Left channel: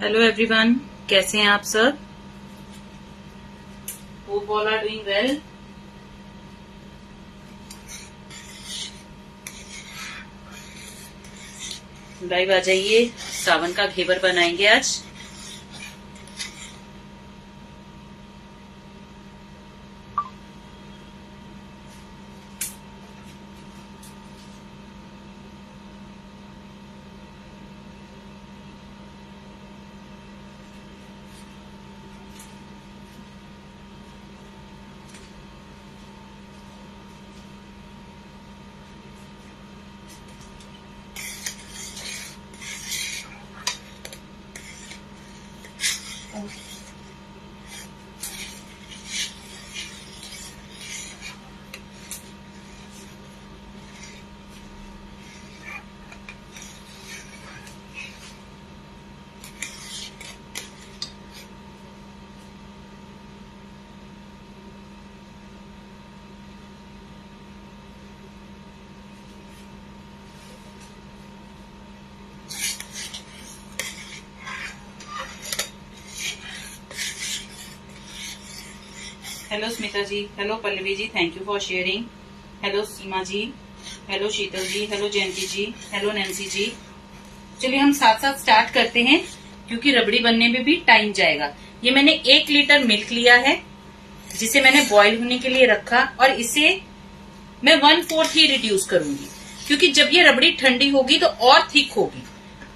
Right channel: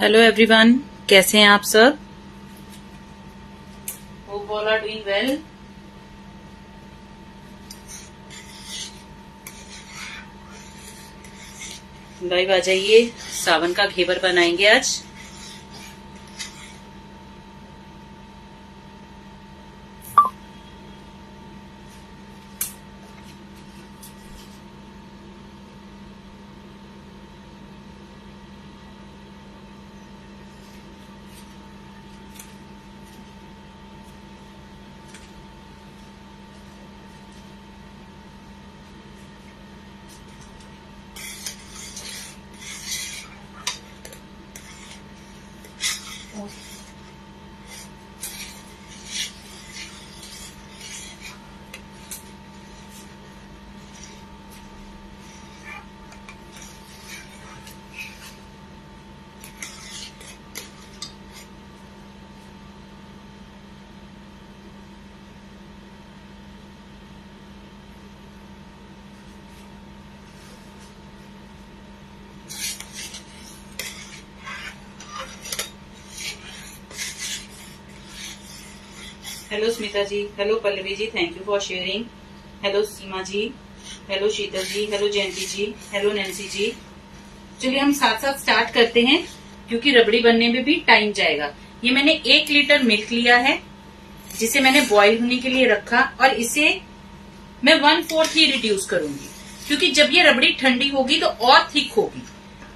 Hello everyone, कैसे हैं आप सब? Hope all are doing well. Live आ जाइए, सावन का घेवर बनाएंगे आज। Hello Smita ji, hello Pallavi ji, thank you for sharing. Hello Seema ji, hello Sheetal ji, hello Jayanti ji, hello Nancy ji. चलिए हम साथ साथ स्टार्ट करते हैं, क्योंकि रबड़ी बनने में भी टाइम जाएगा। ये मैंने 1 लीटर मिल्क लिया है, जिसे मैंने बॉईल होने के लिए रखा, और इसे मैं 1/4 ही रिड्यूस करूंगी, क्योंकि जब ये रबड़ी ठंडी होगी तो और थिक होगी।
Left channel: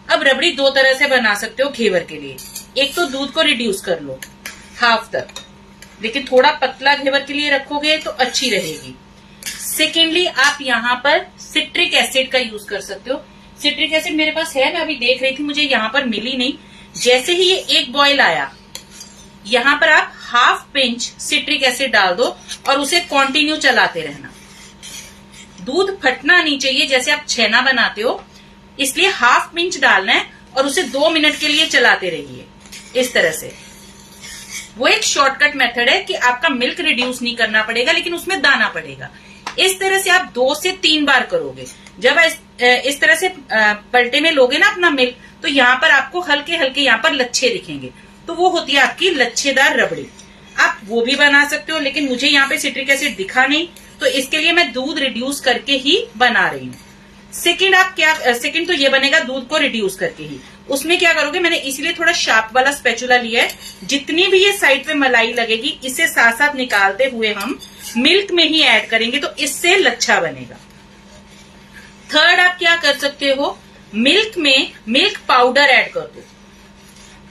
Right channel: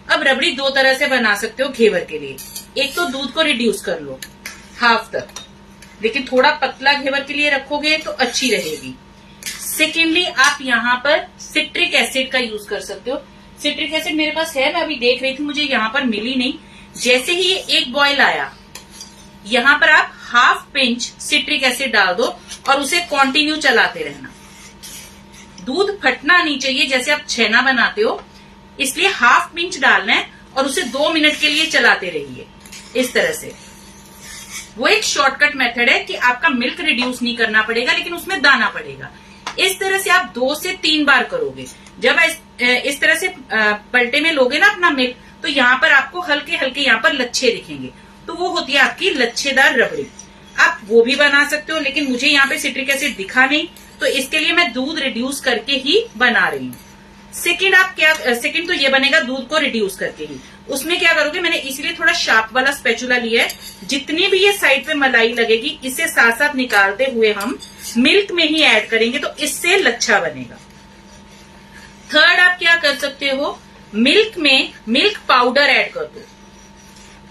अब रबड़ी 2 तरह से बना सकते हो घेवर के लिए। एक तो दूध को रिड्यूस कर लो हाफ तक, लेकिन थोड़ा पतला घेवर के लिए रखोगे तो अच्छी रहेगी। सेकेंडली, आप यहाँ पर सिट्रिक एसिड का यूज कर सकते हो। सिट्रिक एसिड मेरे पास है, मैं अभी देख रही थी, मुझे यहाँ पर मिली नहीं। जैसे ही ये 1 बॉयल आया, यहाँ पर आप हाफ पिंच सिट्रिक एसिड डाल दो और उसे कंटिन्यू चलाते रहना। दूध फटना नहीं चाहिए, जैसे आप छेना बनाते हो, इसलिए हाफ पिंच डालना है और उसे 2 मिनट के लिए चलाते रहिए इस तरह से। वो एक शॉर्टकट मेथड है कि आपका मिल्क रिड्यूस नहीं करना पड़ेगा, लेकिन उसमें दाना पड़ेगा। इस तरह से आप 2 से 3 बार करोगे। जब इस तरह से पलटे में लोगे ना अपना मिल्क, तो यहाँ पर आपको हल्के हल्के यहाँ पर लच्छे दिखेंगे, तो वो होती है आपकी लच्छेदार रबड़ी। आप वो भी बना सकते हो, लेकिन मुझे यहाँ पे सिट्रिक एसिड दिखा नहीं, तो इसके लिए मैं दूध रिड्यूस करके ही बना रही हूँ। सेकंड तो ये बनेगा दूध को रिड्यूस करके ही। उसमें क्या करोगे, मैंने इसीलिए थोड़ा शार्प वाला स्पैचुला लिया है। जितनी भी ये साइड पे मलाई लगेगी, इसे साथ साथ निकालते हुए हम मिल्क में ही ऐड करेंगे, तो इससे लच्छा बनेगा। थर्ड, आप क्या कर सकते हो, मिल्क में मिल्क पाउडर ऐड कर दो।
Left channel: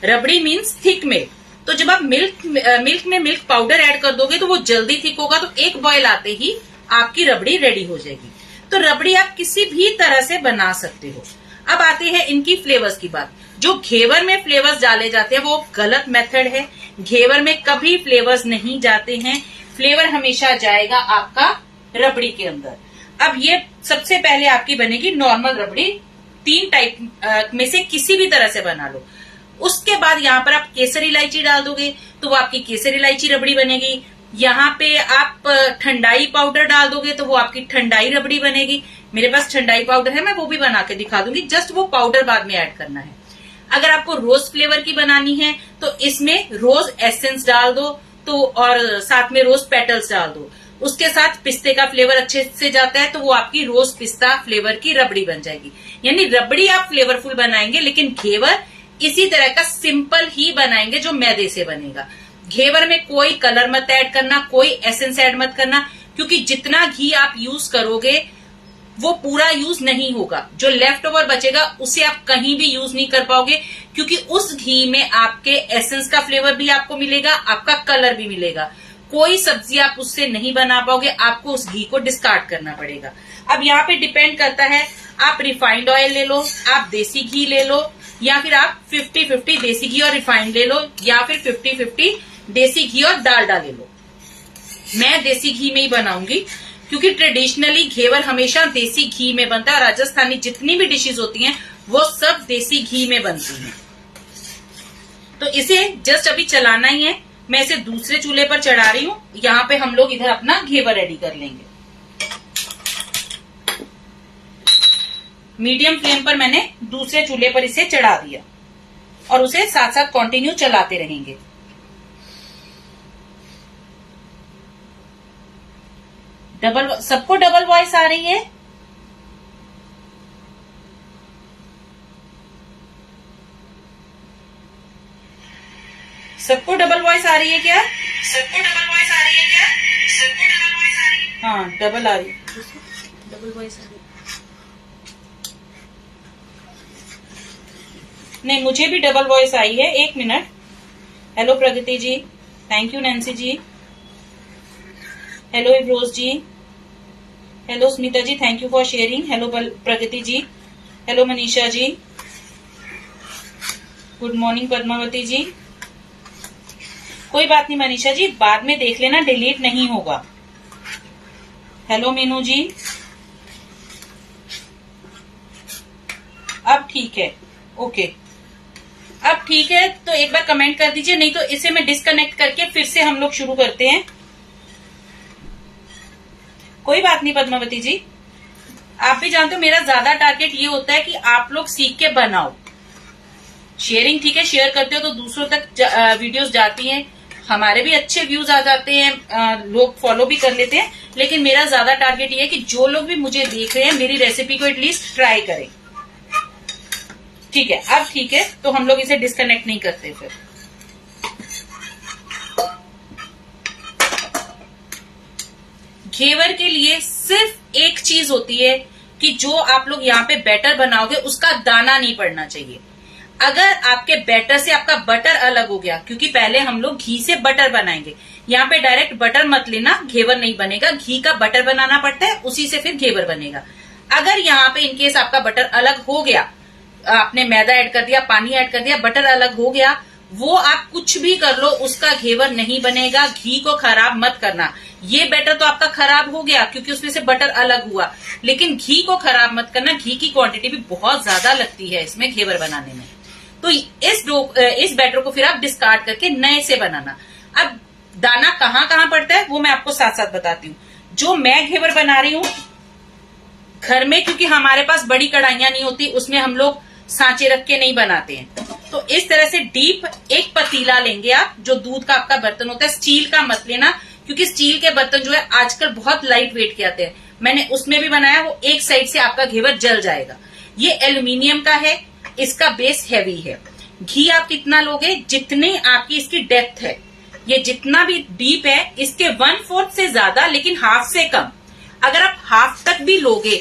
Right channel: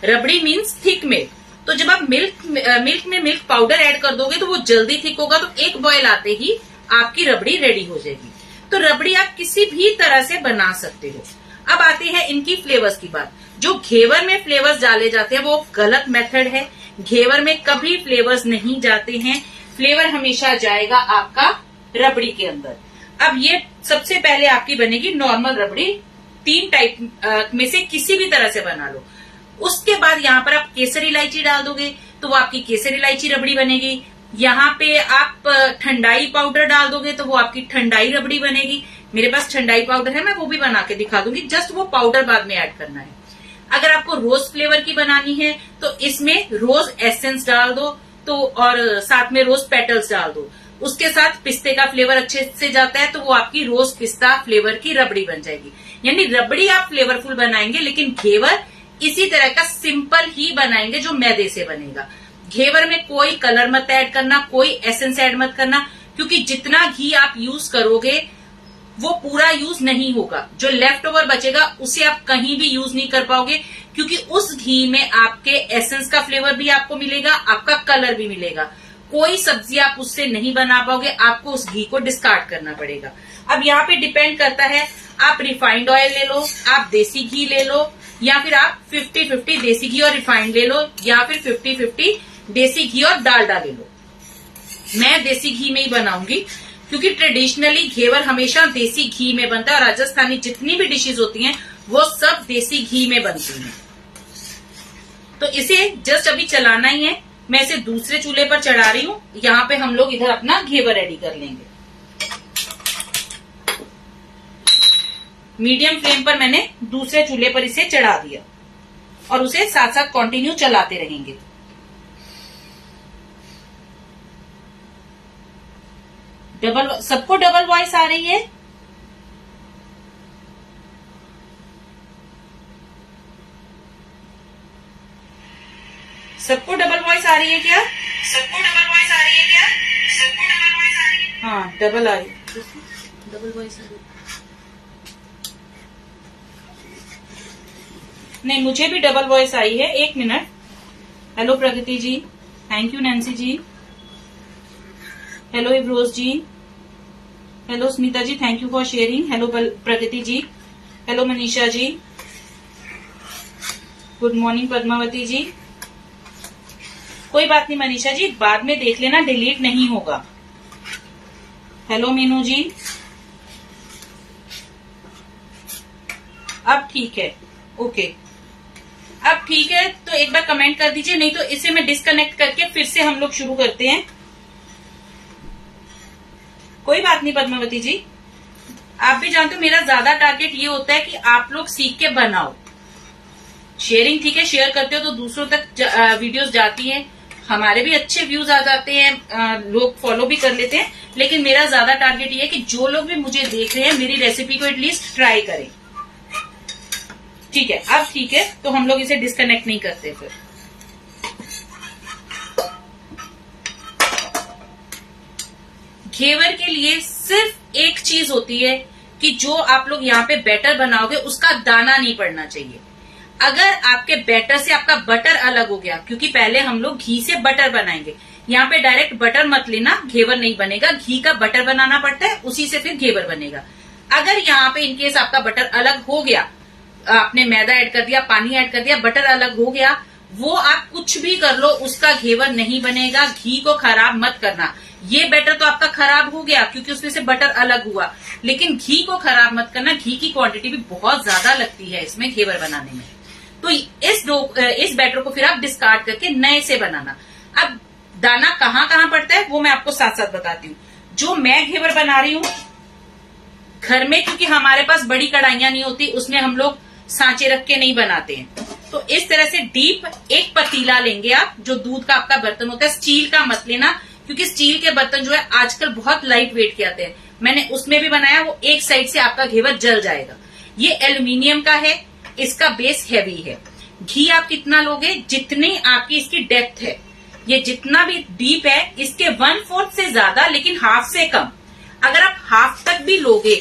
रबड़ी मीन्स थिक मिल्क, तो जब आप मिल्क में मिल्क पाउडर ऐड कर दोगे तो वो जल्दी थिक होगा, तो 1 बॉयल आते ही आपकी रबड़ी रेडी हो जाएगी। तो रबड़ी आप किसी भी तरह से बना सकते हो। अब आते हैं इनकी फ्लेवर्स की बात। जो घेवर में फ्लेवर्स डाले जाते हैं वो गलत मेथड है। घेवर में कभी फ्लेवर्स नहीं जाते हैं, फ्लेवर हमेशा जाएगा आपका रबड़ी के अंदर। अब ये सबसे पहले आपकी बनेगी नॉर्मल रबड़ी, 3 टाइप में से किसी भी तरह से बना लो। उसके बाद यहाँ पर आप केसर इलायची डाल दोगे तो वो आपकी केसर इलायची रबड़ी बनेगी। यहाँ पे आप ठंडाई पाउडर डाल दोगे तो वो आपकी ठंडाई रबड़ी बनेगी। मेरे पास ठंडाई पाउडर है, मैं वो भी बना के दिखा दूंगी, जस्ट वो पाउडर बाद में ऐड करना है। अगर आपको रोज फ्लेवर की बनानी है तो इसमें रोज एसेंस डाल दो, तो और साथ में रोज पेटल्स डाल दो। उसके साथ पिस्ते का फ्लेवर अच्छे से जाता है, तो वो आपकी रोज पिस्ता फ्लेवर की रबड़ी बन जाएगी। यानी रबड़ी आप फ्लेवरफुल बनाएंगे, लेकिन घेवर इसी तरह का सिंपल ही बनाएंगे जो मैदे से बनेगा। घेवर में कोई कलर मत ऐड करना, कोई एसेंस ऐड मत करना, क्योंकि जितना घी आप यूज करोगे वो पूरा यूज नहीं होगा। जो लेफ्ट ओवर बचेगा उसे आप कहीं भी यूज नहीं कर पाओगे, क्योंकि उस घी में आपके एसेंस का फ्लेवर भी आपको मिलेगा, आपका कलर भी मिलेगा। कोई सब्जी आप उससे नहीं बना पाओगे, आपको उस घी को डिस्कार्ड करना पड़ेगा। अब यहाँ पे डिपेंड करता है, आप रिफाइंड ऑयल ले लो, आप देसी घी ले लो, या फिर आप 50-50 देसी घी और रिफाइंड ले लो, या फिर 50-50 देसी घी और डालडा ले लो। मैं देसी घी में ही बनाऊंगी, क्योंकि ट्रेडिशनली घेवर हमेशा देसी घी में बनता है। राजस्थानी जितनी भी डिशेज होती हैं वो सब देसी घी में बनती हैं। तो इसे जस्ट अभी चलाना ही है। मैं इसे दूसरे चूल्हे पर चढ़ा रही हूँ। यहाँ पे हम लोग इधर अपना घेवर रेडी कर लेंगे। मीडियम फ्लेम पर मैंने दूसरे चूल्हे पर इसे चढ़ा दिया। और उसे साथ साथ कंटिन्यू चलाते रहेंगे। सबको डबल वॉइस आ रही है? सबको डबल वॉइस आ रही है क्या? सबको डबल वॉइस आ रही है क्या? सबको डबल वॉइस आ रही है? हाँ, डबल आ रही है। डबल वॉइस आ रही है। नहीं, मुझे भी डबल वॉइस आई है। एक minute. Hello Pragati ji, thank you. Nancy ji, hello इब्रोज ji, hello Smita ji, thank you for sharing. Hello Pragati ji, hello Manisha ji, good morning Padmavati ji. कोई बात नहीं मनीषा जी, बाद में देख लेना, डिलीट नहीं होगा। हेलो मीनू जी, अब ठीक है। ओके, अब ठीक है, तो एक बार कमेंट कर दीजिए, नहीं तो इसे मैं डिस्कनेक्ट करके फिर से हम लोग शुरू करते हैं। कोई बात नहीं पद्मावती जी, आप भी जानते हो मेरा ज्यादा टारगेट ये होता है कि आप लोग सीख के बनाओ। शेयरिंग ठीक है, शेयर करते हो तो दूसरों तक वीडियोस जाती हैं, हमारे भी अच्छे व्यूज आ जाते हैं, लोग फॉलो भी कर लेते हैं, लेकिन मेरा ज्यादा टारगेट ये है कि जो लोग भी मुझे देख रहे हैं मेरी रेसिपी को एटलीस्ट ट्राई करें। ठीक है, अब ठीक है, तो हम लोग इसे डिस्कनेक्ट नहीं करते। फिर घेवर के लिए सिर्फ एक चीज होती है कि जो आप लोग यहाँ पे बैटर बनाओगे उसका दाना नहीं पड़ना चाहिए। अगर आपके बैटर से आपका बटर अलग हो गया, क्योंकि पहले हम लोग घी से बटर बनाएंगे, यहाँ पे डायरेक्ट बटर मत लेना, घेवर नहीं बनेगा, घी का बटर बनाना पड़ता है, उसी से फिर घेवर बनेगा। अगर यहाँ पे इनकेस आपका बटर अलग हो गया, आपने मैदा ऐड कर दिया, पानी ऐड कर दिया, बटर अलग हो गया, वो आप कुछ भी कर लो उसका घेवर नहीं बनेगा। घी को खराब मत करना। ये बैटर तो आपका खराब हो गया क्योंकि उसमें से बटर अलग हुआ, लेकिन घी को खराब मत करना। घी की क्वांटिटी भी बहुत ज्यादा लगती है इसमें घेवर बनाने में। तो इस बैटर को फिर आप डिस्कार्ड करके नए से बनाना। अब दाना कहाँ कहाँ पड़ता है वो मैं आपको साथ साथ बताती हूँ। जो मैं घेवर बना रही हूँ घर में, क्योंकि हमारे पास बड़ी कढ़ाइयां नहीं होती, उसमें हम लोग सांचे रख के नहीं बनाते हैं, तो इस तरह से डीप एक पतीला लेंगे आप, जो दूध का आपका बर्तन होता है। स्टील का मत लेना, क्योंकि स्टील के बर्तन जो है आजकल बहुत लाइट वेट के आते हैं। मैंने उसमें भी बनाया, वो एक साइड से आपका घेवर जल जाएगा। ये एल्यूमिनियम का है, इसका बेस हैवी है। घी आप कितना लोगे, जितनी आपकी इसकी डेप्थ है, ये जितना भी डीप है इसके 1/4 से ज्यादा, लेकिन हाफ से कम। अगर आप हाफ तक भी लोगे,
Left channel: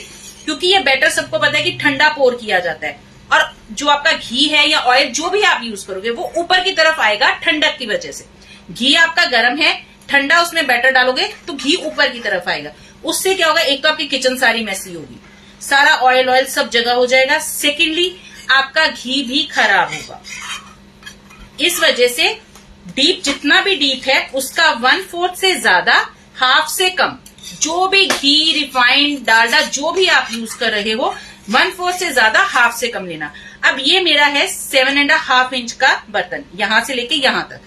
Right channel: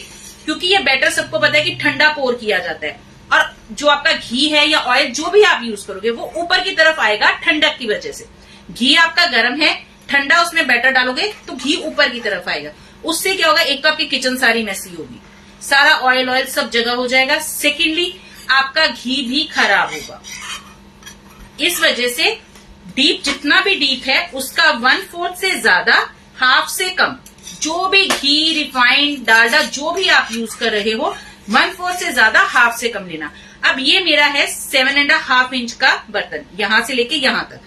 क्योंकि ये बैटर सबको पता है कि ठंडा पोर किया जाता है, और जो आपका घी है या ऑयल जो भी आप यूज करोगे वो ऊपर की तरफ आएगा ठंडक की वजह से। घी आपका गर्म है, ठंडा उसमें बैटर डालोगे तो घी ऊपर की तरफ आएगा। उससे क्या होगा, एक तो आपकी किचन सारी मैसी होगी, सारा ऑयल सब जगह हो जाएगा। सेकेंडली आपका घी भी खराब होगा। इस वजह से डीप, जितना भी डीप है उसका 1/4 से ज्यादा, हाफ से कम, जो भी घी, रिफाइंड, डालडा जो भी आप यूज कर रहे हो, 1/4 से ज्यादा, हाफ से कम लेना। अब ये मेरा है 7.5 इंच का बर्तन, यहां से लेके यहां तक।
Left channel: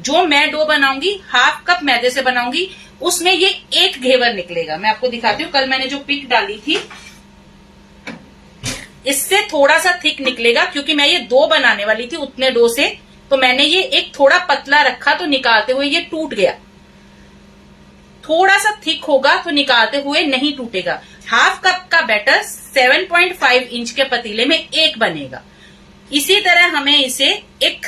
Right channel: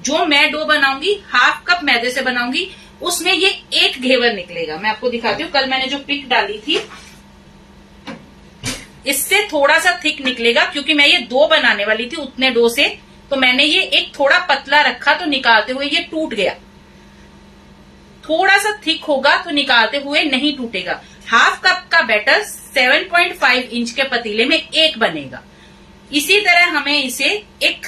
जो मैं डो बनाऊंगी, हाफ कप मैदे से बनाऊंगी, उसमें ये एक घेवर निकलेगा। मैं आपको दिखाती हूँ, कल मैंने जो पिक डाली थी इससे थोड़ा सा थिक निकलेगा, क्योंकि मैं ये 2 बनाने वाली थी उतने डो से, तो मैंने ये एक थोड़ा पतला रखा, तो निकालते हुए ये टूट गया। थोड़ा सा थिक होगा तो निकालते हुए नहीं टूटेगा। हाफ कप का बैटर 7.5 इंच के पतीले में एक बनेगा। इसी तरह हमें इसे एक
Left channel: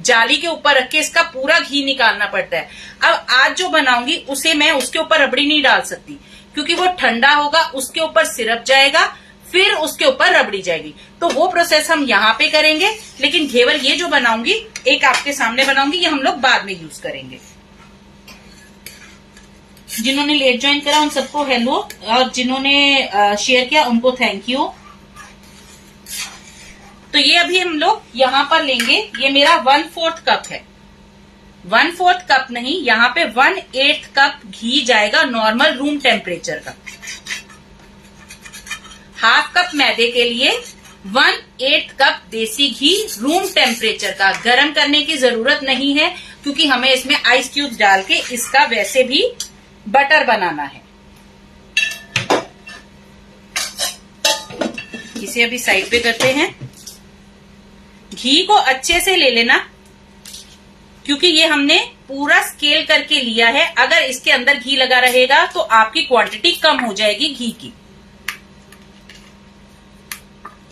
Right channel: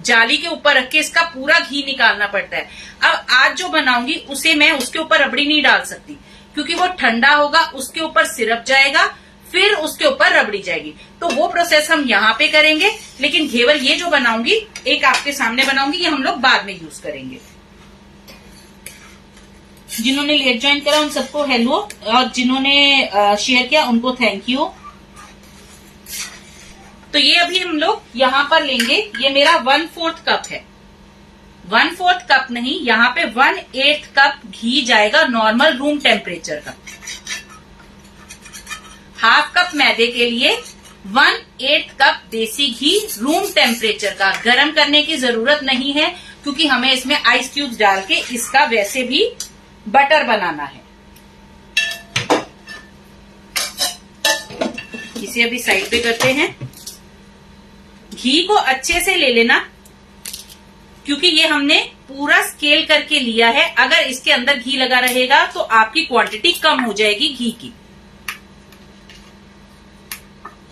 जाली के ऊपर रख के इसका पूरा घी निकालना पड़ता है। अब आज जो बनाऊंगी उसे मैं उसके ऊपर रबड़ी नहीं डाल सकती, क्योंकि वो ठंडा होगा, उसके ऊपर सिरप जाएगा, फिर उसके ऊपर रबड़ी जाएगी। तो वो प्रोसेस हम यहाँ पे करेंगे, लेकिन घेवर ये जो बनाऊंगी, एक आपके सामने बनाऊंगी, ये हम लोग बाद में यूज करेंगे। जिन्होंने लेट ज्वाइन करा उन सबको हेलो, और जिन्होंने शेयर किया उनको थैंक यू। तो ये अभी हम लोग यहाँ पर लेंगे, ये मेरा 1/4 कप है। 1/4 कप नहीं, यहाँ पे 1/8 कप घी जाएगा, नॉर्मल रूम टेम्परेचर का। हाफ कप मैदे के लिए 1/8 कप देसी घी, रूम टेम्परेचर का। गर्म करने की जरूरत नहीं है, क्योंकि हमें इसमें आइस क्यूब डाल के इसका वैसे भी बटर बनाना है। इसे अभी साइड पे करते हैं। घी को अच्छे से ले लेना, क्योंकि ये हमने पूरा स्केल करके लिया है। अगर इसके अंदर घी लगा रहेगा तो आपकी क्वांटिटी कम हो जाएगी घी की।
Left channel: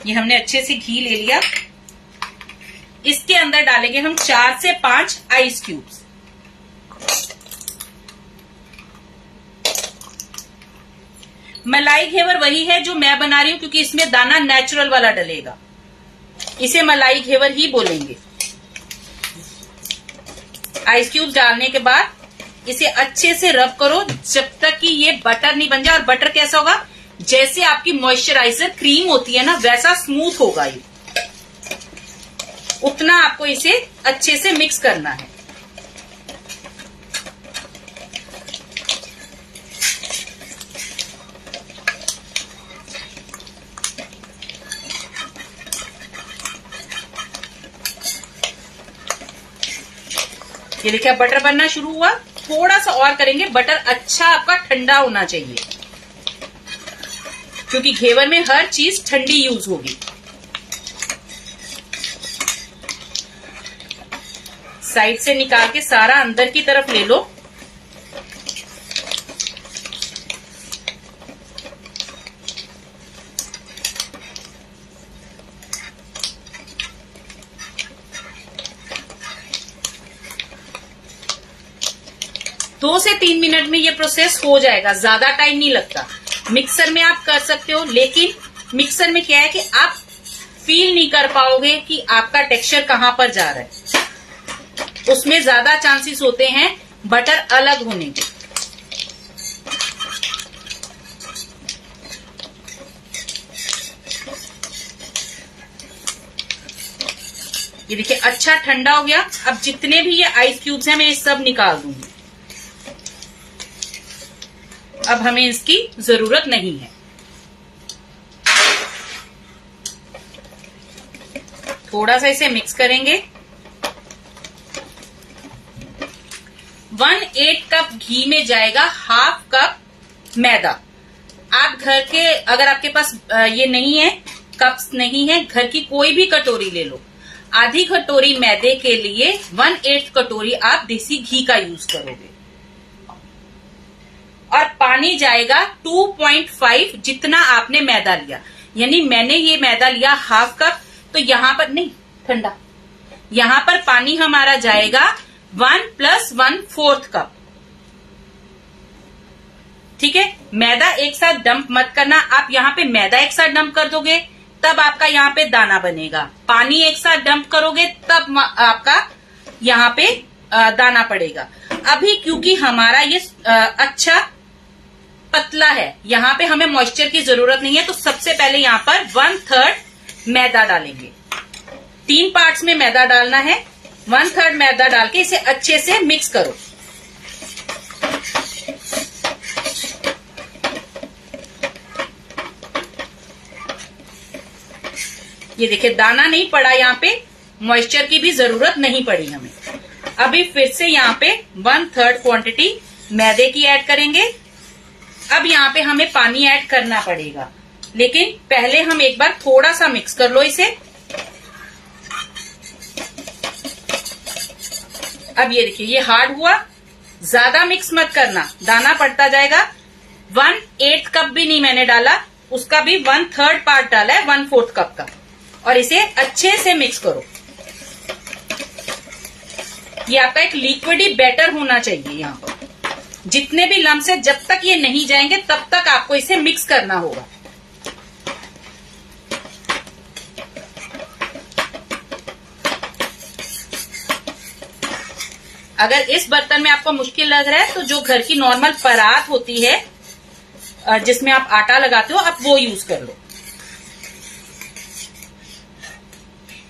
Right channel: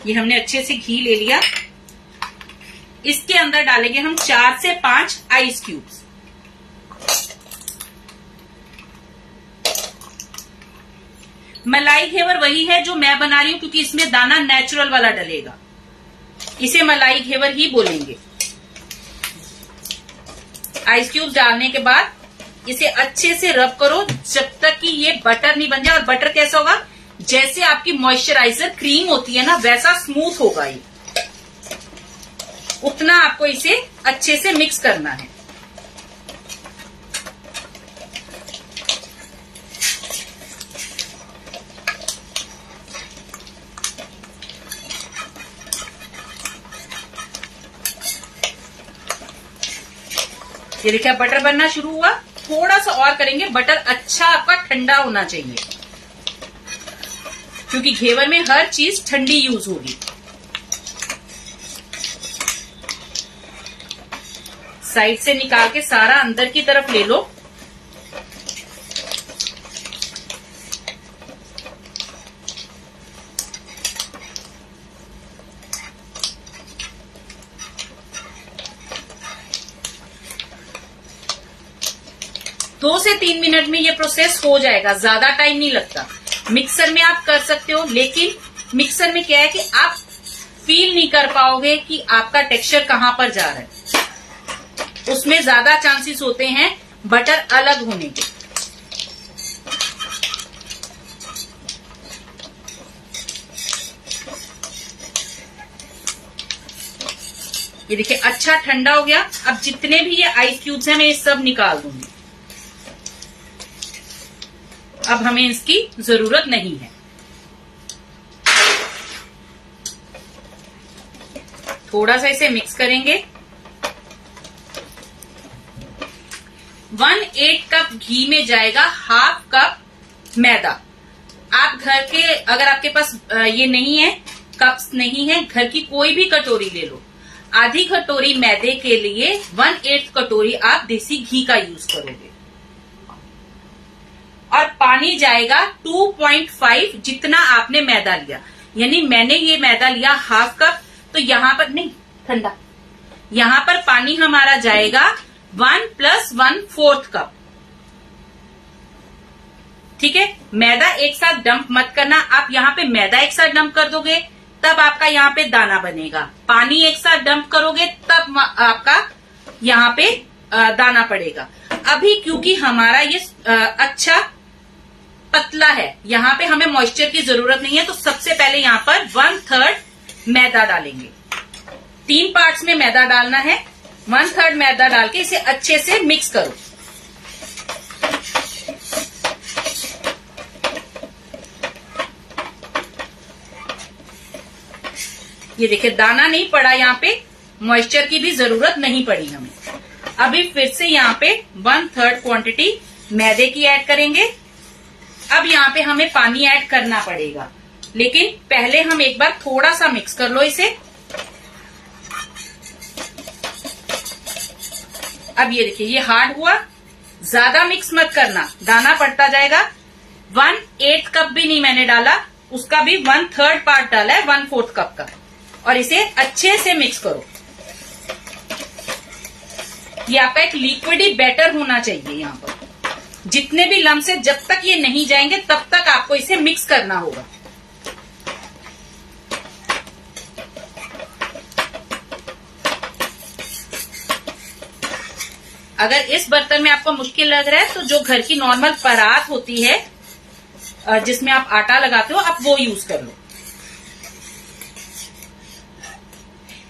ये हमने अच्छे से घी ले लिया। इसके अंदर डालेंगे हम 4 से 5 आइस क्यूब्स। मलाई घेवर वही है जो मैं बना रही हूं, क्योंकि इसमें दाना नेचुरल वाला डलेगा, इसे मलाई घेवर ही बोलेंगे। आइस क्यूब डालने के बाद इसे अच्छे से रब करो जब तक कि ये बटर नहीं बन जाए। और बटर कैसा होगा, जैसे आपकी मॉइस्चराइजर क्रीम होती है ना, वैसा स्मूथ होगा ये। उतना आपको इसे अच्छे से मिक्स करना है। ये देखिए बटर बनना शुरू हुआ। थोड़ा सा और करेंगे, बटर अच्छा आपका ठंडा होना चाहिए, क्योंकि घेवर में हर चीज ठंडी यूज होगी। साइड से निकाल के सारा अंदर की तरफ ले लो। दो से 3 मिनट में ये प्रोसेस हो जाएगा, ज्यादा टाइम नहीं लगता। मिक्सर में आप कर सकते हो, लेकिन मिक्सर में क्या है कि आप फील नहीं कर पाओगे कि आपका टेक्सचर कहां पर जा रहा है। उसमें ज्यादा चांसेस होते हैं बटर अलग होने के। ये देखिए अच्छा ठंडा हो गया। अब जितने भी ये आइस क्यूब्स हैं मैं ये सब निकाल दूंगी। अब हमें इसकी जरूरत नहीं है। थोड़ा सा इसे मिक्स करेंगे। 1/8 कप घी में जाएगा हाफ कप मैदा। आप घर के, अगर आपके पास ये नहीं है, कप्स नहीं है, घर की कोई भी कटोरी ले लो। आधी कटोरी मैदे के लिए 1/8 कटोरी आप देसी घी का यूज करोगे। और पानी जाएगा 2.5 जितना आपने मैदा लिया। यानी मैंने ये मैदा लिया हाफ कप, तो यहां पर नहीं ठंडा, यहां पर पानी हमारा जाएगा 1 + 1/4 कप। ठीक है, मैदा एक साथ डंप मत करना। आप यहाँ पे मैदा एक साथ डंप कर दोगे तब आपका यहाँ पे दाना बनेगा। पानी एक साथ डंप करोगे तब आपका यहाँ पे दाना पड़ेगा। अभी क्योंकि हमारा ये अच्छा पतला है, यहाँ पे हमें मॉइस्चर की जरूरत नहीं है, तो सबसे पहले यहाँ पर 1/3 मैदा डालेंगे। 3 पार्ट्स में मैदा डालना है। 1/3 मैदा डाल के इसे अच्छे से मिक्स करो। ये देखिए दाना नहीं पड़ा, यहाँ पे मॉइस्चर की भी जरूरत नहीं पड़ी हमें। अभी फिर से यहाँ पे 1/3 क्वांटिटी मैदे की ऐड करेंगे। अब यहाँ पे हमें पानी ऐड करना पड़ेगा, लेकिन पहले हम एक बार थोड़ा सा मिक्स कर लो इसे। अब ये देखिए ये हार्ड हुआ, ज्यादा मिक्स मत करना, दाना पड़ता जाएगा। 1/8 कप भी नहीं मैंने डाला, उसका भी 1/3 पार्ट डाला है 1/4 कप का। और इसे अच्छे से मिक्स करो। ये आपका एक लिक्विडी बैटर होना चाहिए। यहाँ पर जितने भी लम्स है, जब तक ये नहीं जाएंगे तब तक आपको इसे मिक्स करना होगा। अगर इस बर्तन में आपको मुश्किल लग रहा है तो जो घर की नॉर्मल परात होती है जिसमें आप आटा लगाते हो, आप वो यूज कर लो।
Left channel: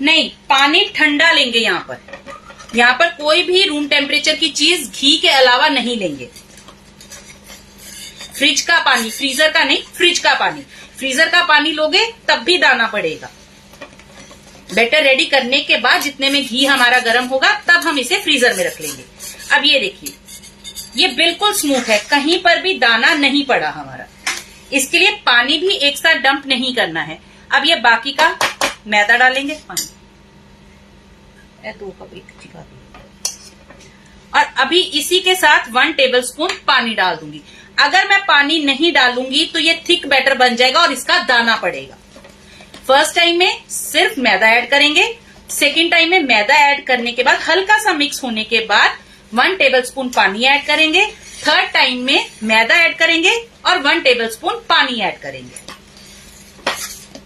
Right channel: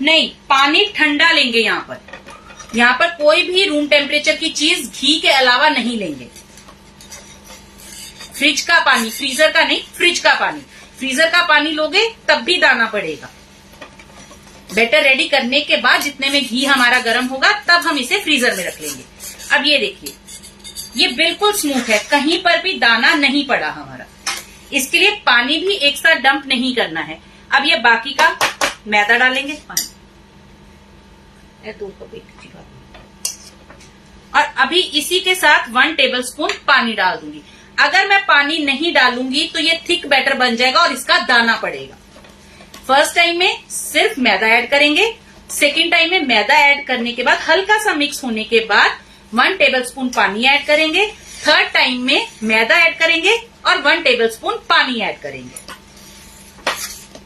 नहीं, पानी ठंडा लेंगे यहाँ पर कोई भी रूम टेम्परेचर की चीज घी के अलावा नहीं लेंगे। फ्रिज का पानी, फ्रीजर का नहीं, फ्रिज का पानी। फ्रीजर का पानी लोगे तब भी दाना पड़ेगा। बैटर रेडी करने के बाद जितने में घी हमारा गर्म होगा तब हम इसे फ्रीजर में रख लेंगे। अब ये देखिए ये बिल्कुल स्मूथ है, कहीं पर भी दाना नहीं पड़ा हमारा। इसके लिए पानी भी एक साथ डंप नहीं करना है। अब ये बाकी का मैदा डालेंगे। 2 कप एक चिपा दी। और अभी इसी के साथ 1 टेबलस्पून पानी डाल दूंगी। अगर मैं पानी नहीं डालूंगी तो ये थिक बैटर बन जाएगा और इसका दाना पड़ेगा। फर्स्ट टाइम में सिर्फ मैदा ऐड करेंगे, सेकेंड टाइम में मैदा ऐड करने के बाद हल्का सा मिक्स होने के बाद 1 टेबलस्पून पानी ऐड करेंगे, थर्ड टाइम में मैदा ऐड करेंगे और 1 टेबलस्पून पानी ऐड करेंगे।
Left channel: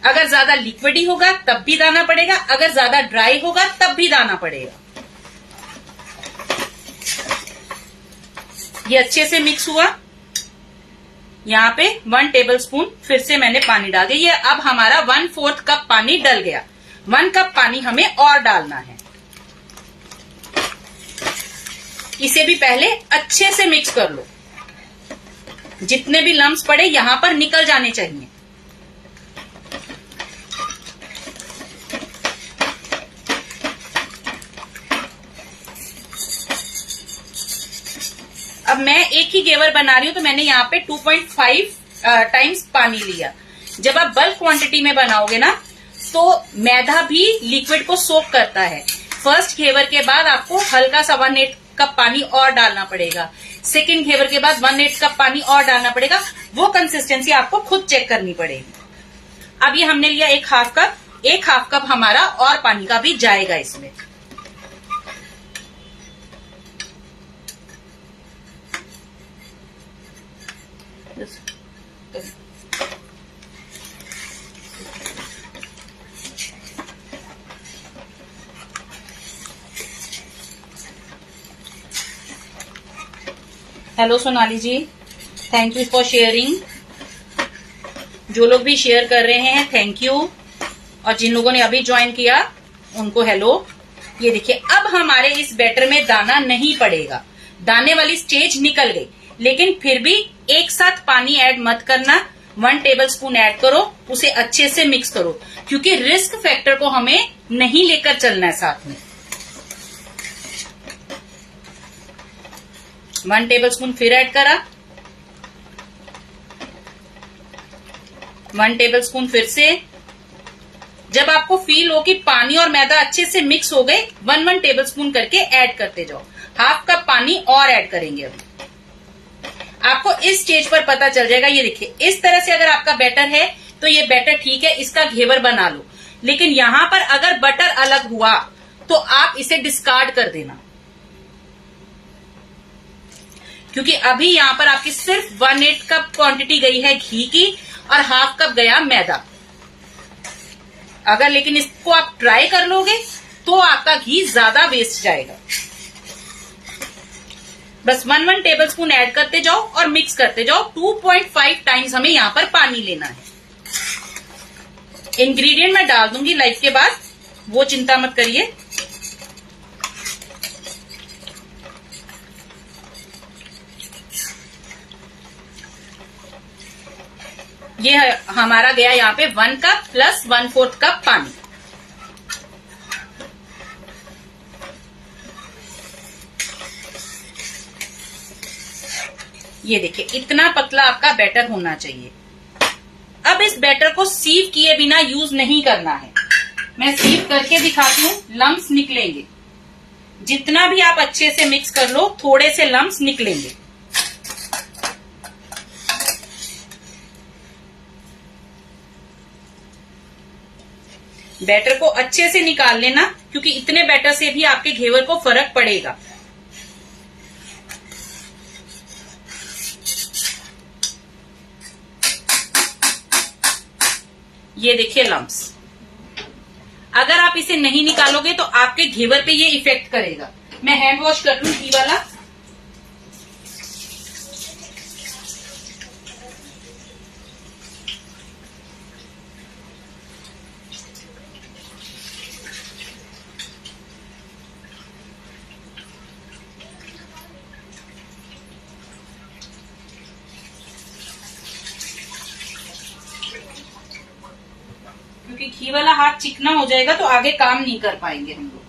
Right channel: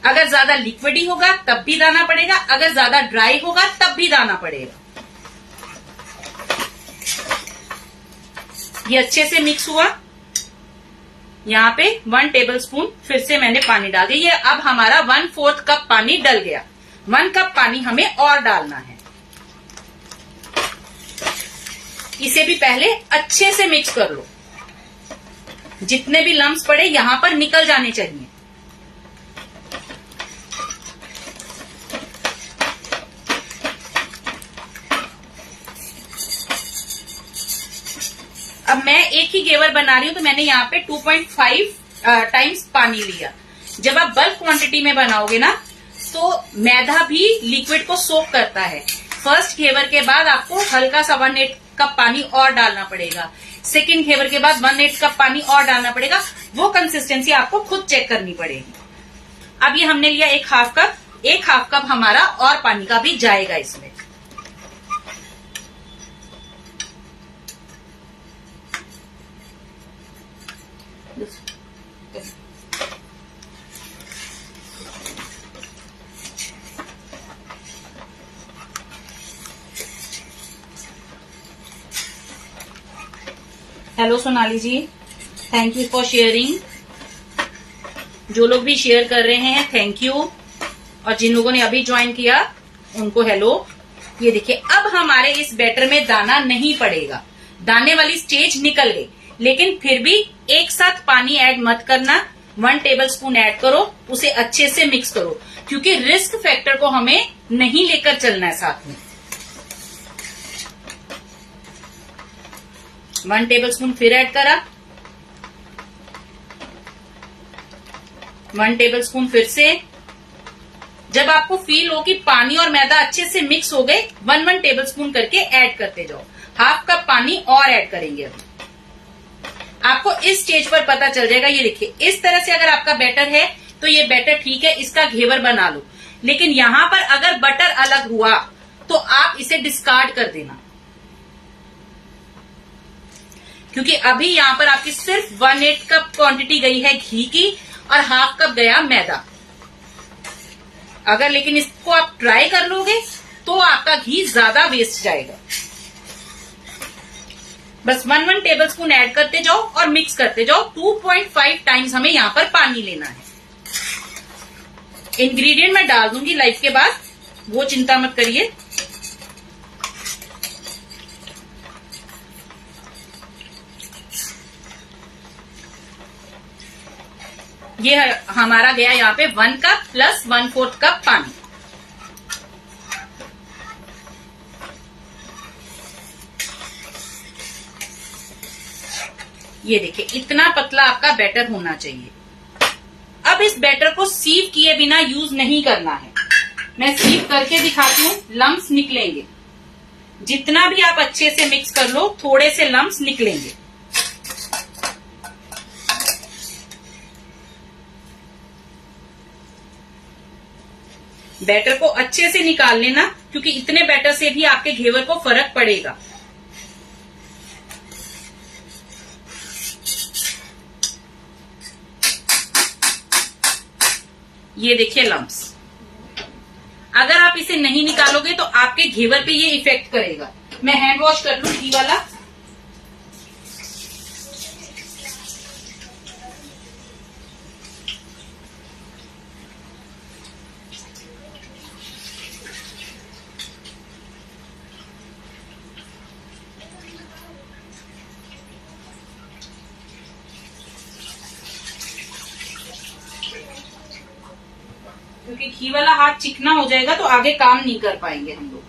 अगर ज्यादा लिक्विडी होगा तब भी दाना पड़ेगा, अगर ज्यादा ड्राई होगा तब भी दाना पड़ेगा। ये अच्छे से मिक्स हुआ। यहाँ पे 1 टेबलस्पून फिर से मैंने पानी डाल दिया। ये अब हमारा 1/4 कप पानी डल गया। 1 कप पानी हमें और डालना है। इसे भी पहले अच्छे से मिक्स कर लो। जितने भी लम्स पड़े यहां पर निकल जाने चाहिए। अब मैं एक ही घेवर बना रही हूं तो मैंने यहाँ पे 2.5 टाइम्स पानी लिया। जब आप बल्क क्वांटिटी में बनाओगे ना तो मैदा भी लिक्विड को सोक करता है। फर्स्ट घेवर के बाद आपको हल्का सा 1/8 कप पानी और डालना पड़ेगा। सेकंड घेवर के बाद 1/8 कप पानी और डालना पड़ेगा। वो कंसिस्टेंसी आपको खुद चेक करनी पड़ेगी। अब ये हमने लिया एक हाफ कप हमारा और पानी का भी जाएगा इसमें। Hello Sonali ji, thank you for sharing. जो लोग भी शेयर कर रहे हैं थैंक यू, और जिन लोगों ने अभी ज्वाइन किया उनको हेलो। ये देखिए अब हमारे इस बैटर में दाना नहीं पड़ेगा। दाने वाली स्टेज निकल गई, लेकिन फिर भी एक साथ पानी ऐड मत करना। 1 टेबलस्पून ऐड करो, उसे अच्छे से मिक्स करो, क्योंकि रिस्क फैक्टर को हमें नहीं लेकर चलना है साथ में। 1 टेबलस्पून फिर ऐड करा, 1 टेबलस्पून फिर से। जब आपको फील हो कि पानी और मैदा अच्छे से मिक्स हो गए, 1 टेबलस्पून करके ऐड करते जाओ। हाफ कप पानी और ऐड करेंगे। अभी आपको इस स्टेज पर पता चल जाएगा। ये देखिए इस तरह से अगर आपका बैटर है तो ये बैटर ठीक है, इसका घेवर बना लो। लेकिन यहां पर अगर बटर अलग हुआ तो आप इसे डिस्कार्ड कर देना, क्योंकि अभी यहां पर आपकी सिर्फ 1/8 कप क्वांटिटी गई है घी की और हाफ कप गया मैदा। अगर लेकिन इसको आप ट्राई कर लोगे तो आपका घी ज्यादा वेस्ट जाएगा। बस 1 टेबलस्पून ऐड करते जाओ और मिक्स करते जाओ। 2.5 टाइम्स हमें यहां पर पानी लेना है। इंग्रेडिएंट मैं डाल दूंगी लाइव के बाद, वो चिंता मत करिए। ये हमारा गया यहाँ पे 1 कप प्लस 1/4 कप पानी। ये देखिए इतना पतला आपका बैटर होना चाहिए। अब इस बैटर को सीव किए बिना यूज नहीं करना है। मैं सीव करके दिखाती हूँ, लम्स निकलेंगे। जितना भी आप अच्छे से मिक्स कर लो, थोड़े से लम्स निकलेंगे। बैटर को अच्छे से निकाल लेना, क्योंकि इतने बैटर से भी आपके घेवर को फर्क पड़ेगा। ये देखिए लम्स। अगर आप इसे नहीं निकालोगे तो आपके घेवर पे ये इफेक्ट करेगा। मैं हैंड वॉश कर लूं घी वाला। क्योंकि घी वाला हाथ चिकना हो जाएगा तो आगे काम नहीं कर पाएंगे हम लोग।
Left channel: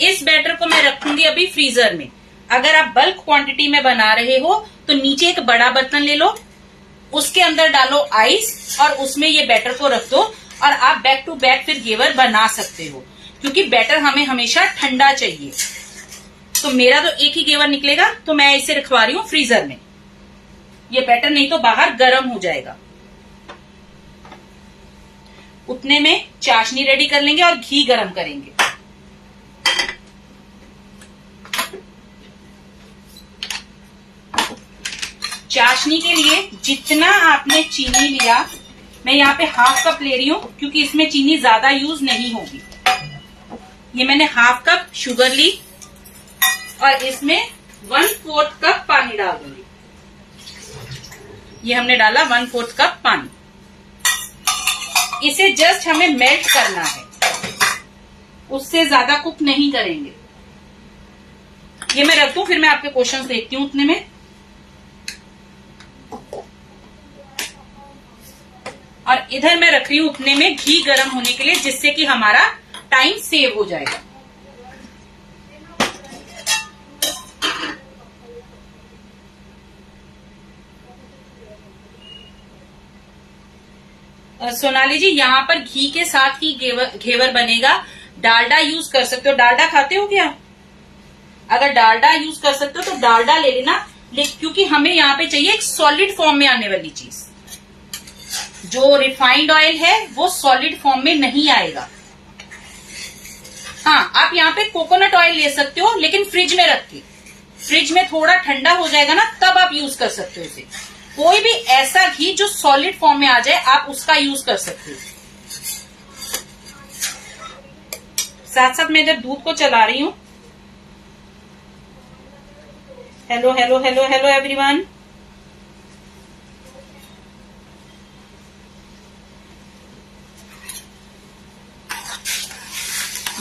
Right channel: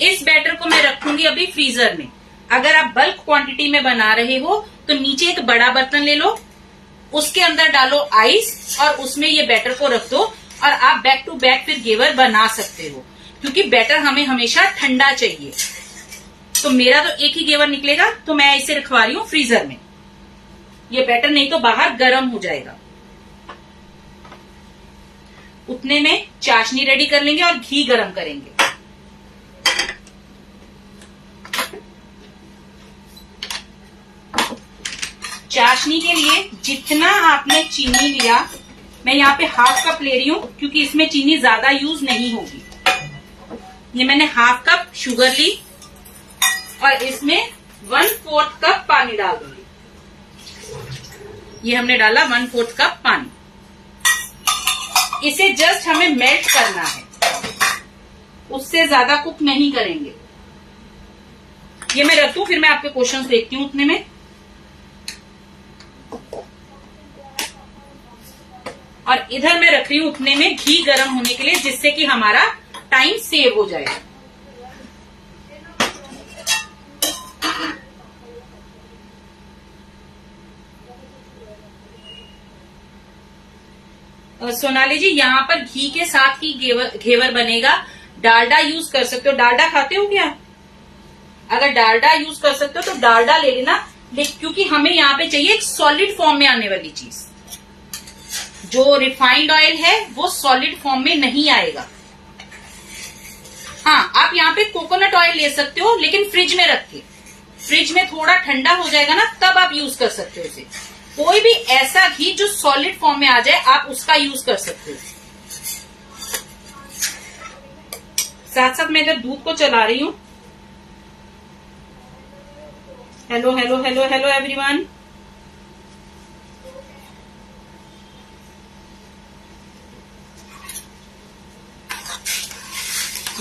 इस बैटर को मैं रखूंगी अभी फ्रीजर में। अगर आप बल्क क्वांटिटी में बना रहे हो तो नीचे एक बड़ा बर्तन ले लो, उसके अंदर डालो आइस और उसमें ये बैटर को रख दो और आप बैक टू बैक फिर घेवर बना सकते हो। क्योंकि बैटर हमें हमेशा ठंडा चाहिए। तो मेरा तो एक ही घेवर निकलेगा, तो मैं इसे रखवा रही हूँ फ्रीजर में। ये बैटर नहीं तो बाहर गर्म हो जाएगा। उतने में चाशनी रेडी कर लेंगे और घी गर्म करेंगे। चाशनी के लिए जितना आपने चीनी लिया, मैं यहाँ पे हाफ कप ले रही हूँ क्योंकि इसमें चीनी ज्यादा यूज नहीं होगी। ये मैंने हाफ कप शुगर ली और इसमें 1/4 कप पानी डाल दूंगी। ये हमने डाला 1/4 कप पानी। इसे जस्ट हमें मेल्ट करना है, उससे ज्यादा कुक नहीं करेंगे। ये मैं रखूं, फिर मैं आपके क्वेश्चन देखती हूँ उतने में। और इधर मैं रख रही हूं उतने में घी गर्म होने के लिए, जिससे कि हमारा टाइम सेव हो जाएगा। सोनाली जी, यहाँ पर घी के साथ ही घेवर बनेगा। डालडा यूज कर सकते हो। डालडा खाते हो क्या? अगर डालडा यूज कर सकते हो तो डालडा ले लेना, क्योंकि हमें यहाँ पे चाहिए एक सॉलिड फॉर्म में आने वाली चीज। जो रिफाइंड ऑयल है वो सॉलिड फॉर्म में नहीं आएगा। हाँ, आप यहाँ पे कोकोनट ऑयल ले सकते हो, लेकिन फ्रिज में रख के। फ्रिज में थोड़ा ठंडा हो जाएगा ना, तब आप यूज कर सकते हो इसे। कोई भी ऐसा घी जो सॉलिड फॉर्म में आ जाए, आप उसका यूज कर सकते हो। साथ साथ मैं इधर दूध को चला रही हूँ। Hello hello hello hello everyone.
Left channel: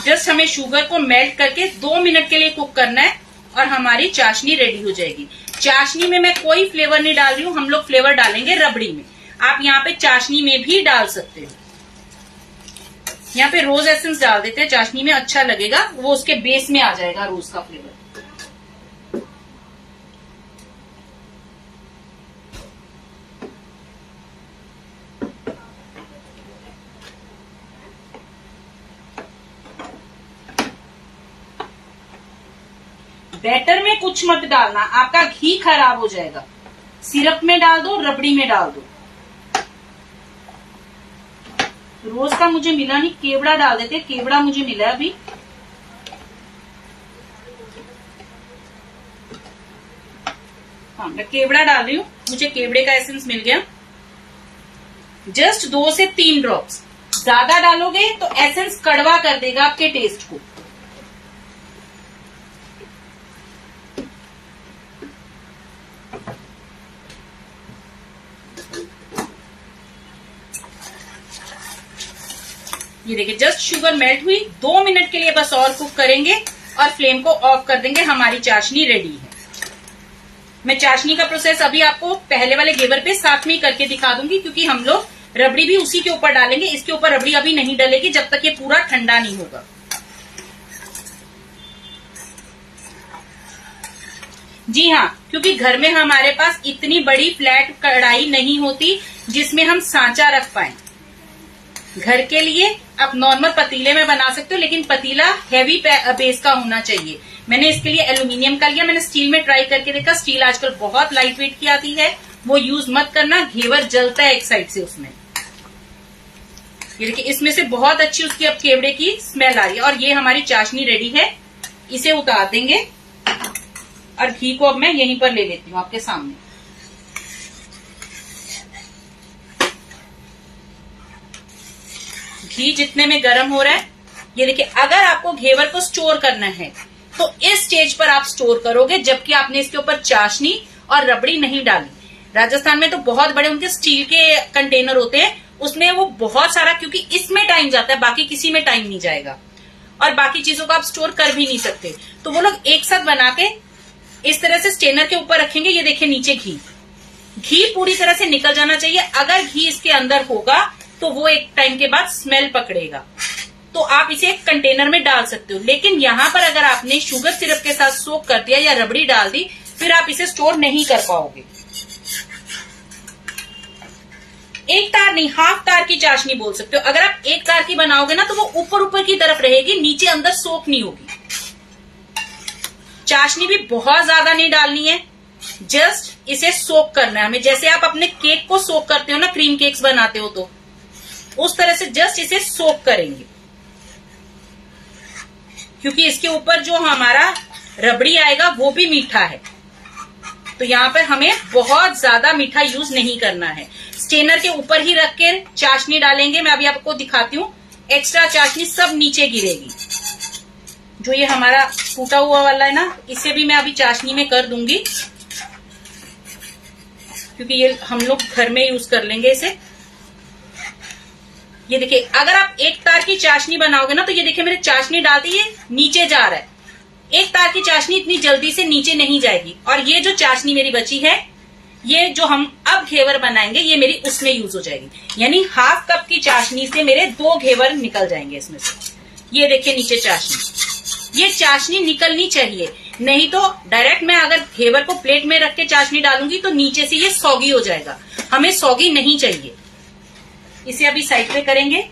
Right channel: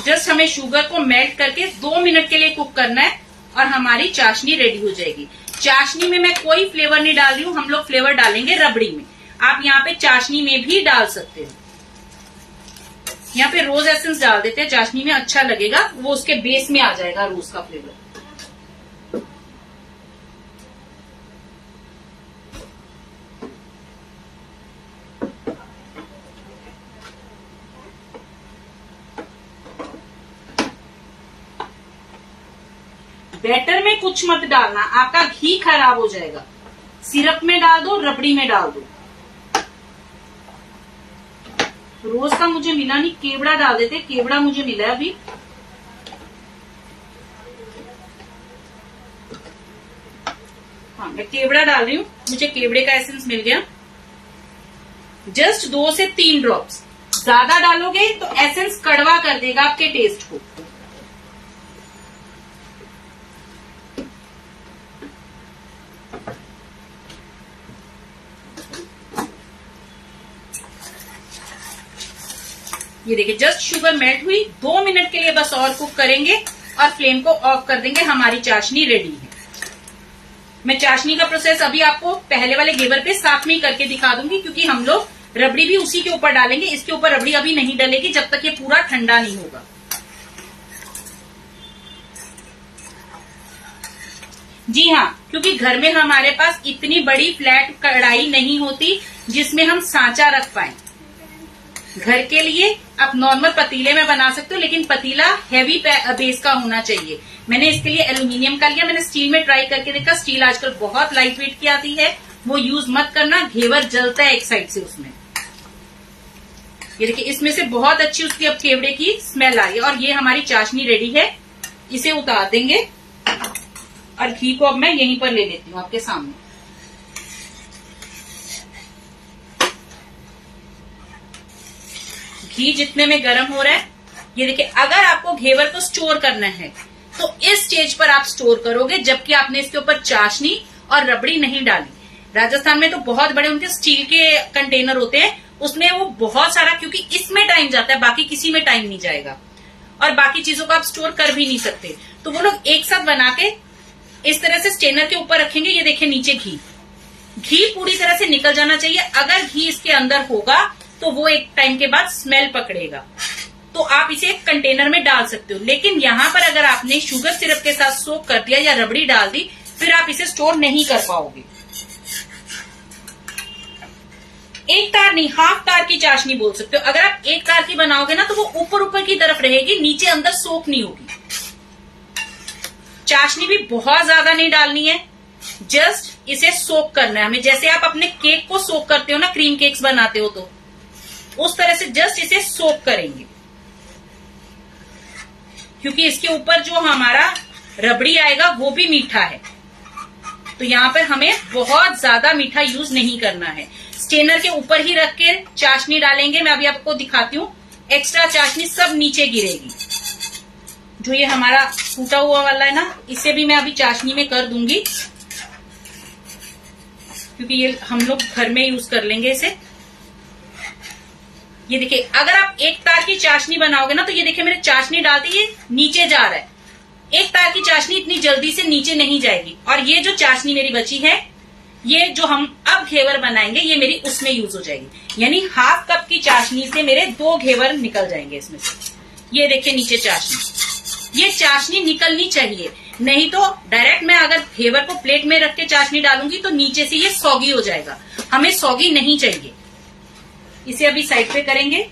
Just हमें शुगर को मेल्ट करके 2 मिनट के लिए कुक करना है और हमारी चाशनी रेडी हो जाएगी। चाशनी में मैं कोई फ्लेवर नहीं डाल रही हूँ, हम लोग फ्लेवर डालेंगे रबड़ी में। आप यहाँ पे चाशनी में भी डाल सकते हो। यहाँ पे रोज एसेंस डाल देते हैं, चाशनी में अच्छा लगेगा, वो उसके बेस में आ जाएगा रोज का फ्लेवर। बैटर में कुछ मत डालना, आपका घी खराब हो जाएगा। सिरप में डाल दो, रबड़ी में डाल दो। रोज का मुझे मिला नहीं, केवड़ा डाल देते। केवड़ा मुझे मिला अभी। हाँ, मैं केवड़ा डाल रही हूँ, मुझे केवड़े का एसेंस मिल गया। जस्ट 2 से 3 ड्रॉप्स। ज्यादा डालोगे तो एसेंस कड़वा कर देगा आपके टेस्ट को। ये देखिए, जस्ट शुगर मेल्ट हुई। 2 मिनट के लिए बस और कुक करेंगे और फ्लेम को ऑफ कर देंगे। हमारी चाशनी रेडी है। मैं चाशनी का प्रोसेस अभी आपको पहले वाले घेवर पे साथ में करके दिखा दूंगी, क्योंकि हम लोग रबड़ी भी उसी के ऊपर डालेंगे। इसके ऊपर रबड़ी अभी नहीं डलेगी जब तक ये पूरा ठंडा नहीं होगा। जी हाँ, क्योंकि घर में हमारे पास इतनी बड़ी फ्लैट कढ़ाई नहीं होती जिसमें हम सांचा रख पाए। घर के लिए आप नॉर्मल पतीले में बना सकते हो, लेकिन पतीला हैवी बेस का होना चाहिए। मैंने इसके लिए एल्यूमिनियम का लिया। मैंने स्टील में ट्राई करके देखा, स्टील आजकल बहुत लाइट वेट की आती है, वो यूज मत करना। घेवर जलता है एक साइड से उसमें। ये देखिए, इसमें से बहुत अच्छी उसकी अब केवड़े की स्मेल आ रही है। और ये हमारी चाशनी रेडी है। इसे उतार देंगे और घी को अब मैं यहीं पर ले लेती हूँ आपके सामने। घी जितने में गर्म हो रहा है, ये देखिए, अगर आपको घेवर को स्टोर करना है तो इस स्टेज पर आप स्टोर करोगे, जबकि आपने इसके ऊपर चाशनी और रबड़ी नहीं डाली। राजस्थान में तो बहुत बड़े उनके स्टील के कंटेनर होते हैं, उसमें वो बहुत सारा, क्योंकि इसमें टाइम जाता है, बाकी किसी में टाइम नहीं जाएगा। और बाकी चीजों को आप स्टोर कर भी नहीं सकते। तो वो लोग एक साथ बना के इस तरह से स्टेनर के ऊपर रखेंगे। ये देखिए, नीचे घी पूरी तरह से निकल जाना चाहिए। अगर घी इसके अंदर होगा तो वो एक टाइम के बाद स्मेल पकड़ेगा। तो आप इसे एक कंटेनर में डाल सकते हो। लेकिन यहाँ पर अगर आपने शुगर सिरप के साथ सोक कर दिया या रबड़ी डाल दी, फिर आप इसे स्टोर नहीं कर पाओगे। एक तार नहीं, हाफ तार की चाशनी बोल सकते हो। अगर आप एक तार की बनाओगे ना तो वो ऊपर ऊपर की तरफ रहेगी, नीचे अंदर सोख नहीं होगी। चाशनी भी बहुत ज्यादा नहीं डालनी है, जस्ट इसे सोक करना है हमें। जैसे आप अपने केक को सोक करते हो ना, क्रीम केक्स बनाते हो तो उस तरह से जस्ट इसे सोक करेंगे, क्योंकि इसके ऊपर जो हमारा रबड़ी आएगा वो भी मीठा है, तो यहाँ पर हमें बहुत ज्यादा मीठा यूज नहीं करना है। स्टेनर के ऊपर ही रख के चाशनी डालेंगे। मैं अभी आपको दिखाती हूँ, एक्स्ट्रा चाशनी सब नीचे गिरेगी। जो ये हमारा फूटा हुआ वाला है ना, इसे भी मैं अभी चाशनी में कर दूंगी, क्योंकि ये हम लोग घर में यूज कर लेंगे इसे। ये देखिए, अगर आप एक तार की चाशनी बनाओगे ना तो ये देखिए मेरे चाशनी डालती है नीचे जा रहा है। एक तार की चाशनी इतनी जल्दी से नीचे नहीं जाएगी। और ये जो चाशनी मेरी बची है, ये जो हम अब घेवर बनाएंगे, ये मेरी उसमें यूज हो जाएगी। यानी हाफ कप की चाशनी से मेरे 2 घेवर निकल जाएंगे इसमें से। ये देखिए नीचे चाशनी, ये चाशनी निकलनी चाहिए, नहीं तो डायरेक्ट मैं अगर घेवर को प्लेट में रख के चाशनी डालूंगी तो नीचे से ये सौगी हो जाएगा। हमें सौगी नहीं चाहिए। इसे अभी साइड पे करेंगे।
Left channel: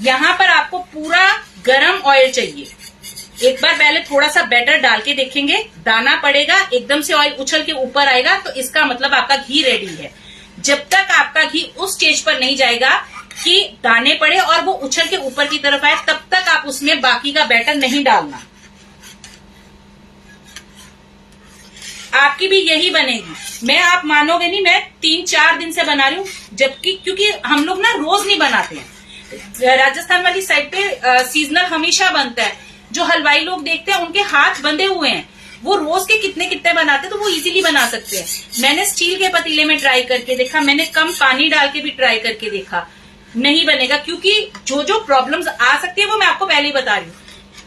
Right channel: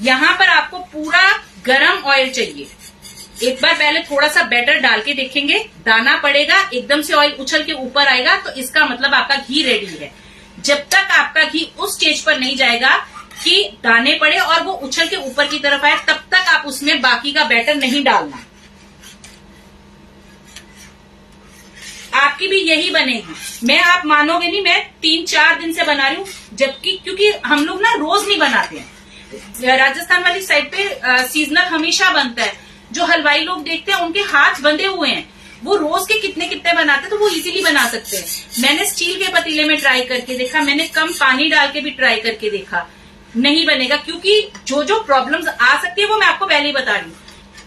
यहां पर आपको पूरा गरम ऑयल चाहिए। एक बार पहले थोड़ा सा बैटर डाल के देखेंगे, दाना पड़ेगा, एकदम से ऑयल उछल के ऊपर आएगा तो इसका मतलब आपका घी रेडी है। जब तक आपका घी उस स्टेज पर नहीं जाएगा कि दाने पड़े और वो उछल के ऊपर की तरफ आए, तब तक आप उसमें बाकी का बैटर नहीं डालना। आपकी भी यही बनेगी। मैं, आप मानोगे नहीं, मैं 3-4 दिन से बना रही हूँ, जबकि क्योंकि हम लोग ना रोज नहीं बनाते हैं। राजस्थान वाली साइड पे सीजनल हमेशा बनता है। जो हलवाई लोग देखते हैं उनके हाथ बंधे हुए हैं, वो रोज के कितने कितने बनाते हैं, तो वो इजीली बना सकते हैं। मैंने स्टील के पतीले में ट्राई करके देखा, मैंने कम पानी डाल के भी ट्राई करके देखा, नहीं बनेगा। क्योंकि जो जो प्रॉब्लम्स आ सकती है वो मैं आपको पहले ही बता रही हूँ।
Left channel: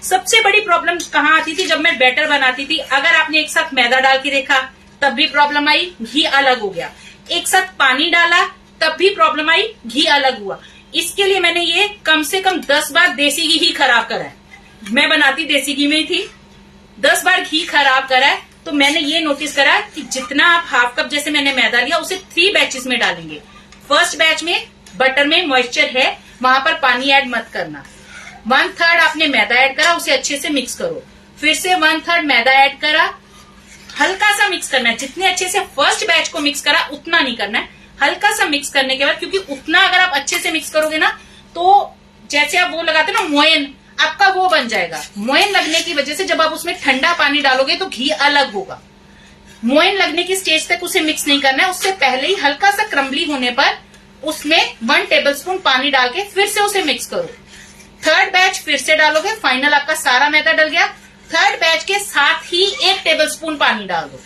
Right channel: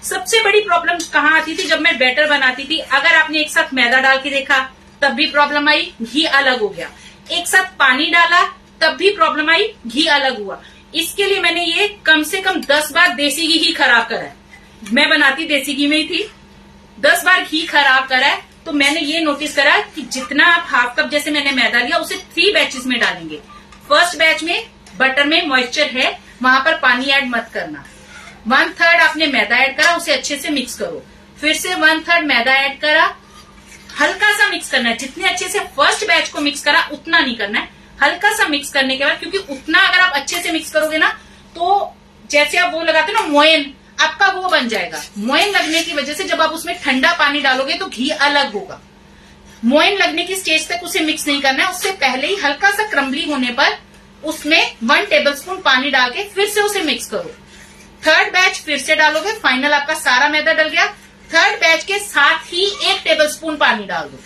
सबसे बड़ी प्रॉब्लम कहाँ आती थी? जब मैं बैटर बनाती थी, अगर आपने एक साथ मैदा डाल के देखा तब भी प्रॉब्लम आई, घी अलग हो गया। एक साथ पानी डाला तब भी प्रॉब्लम आई, घी अलग हुआ। इसके लिए मैंने ये कम से कम 10 बार देसी घी ही खराब करा है। मैं बनाती देसी घी में ही थी, 10 बार घी खराब करा है। तो मैंने ये नोटिस करा कि जितना आप हाफ कप जैसे मैंने मैदा लिया, उसे 3 बैचेस में डालेंगे। फर्स्ट बैच में बटर में मॉइस्चर है, वहां पर पानी ऐड मत करना। 1/3 आपने मैदा ऐड करा, उसे अच्छे से मिक्स करो। फिर से 1/3 मैदा ऐड करा, हल्का सा मिक्स करना है। जितने अच्छे से फर्स्ट बैच को मिक्स करा उतना नहीं करना है, हल्का सा मिक्स करने के बाद, क्योंकि उतना अगर आप अच्छे से मिक्स करोगे ना तो जैसे आप वो लगाते ना मोयन, आपका वो बन जाएगा। मोयन लगने की वजह से जब आप उसमें ठंडा पानी डालोगे तो घी अलग होगा। मोयन लगने की स्टेज तक उसे मिक्स नहीं करना है। उससे पहले ही हल्का सा क्रम्बली होने पर उसमें 1 टेबलस्पून पानी डाल के फिर से उसे मिक्स करो। 3rd बैच फिर से डालोगे, फाइनल आपका सारा मैदा डल गया। 3rd बैच के साथ ही 1 टेबलस्पून पानी डाल दो।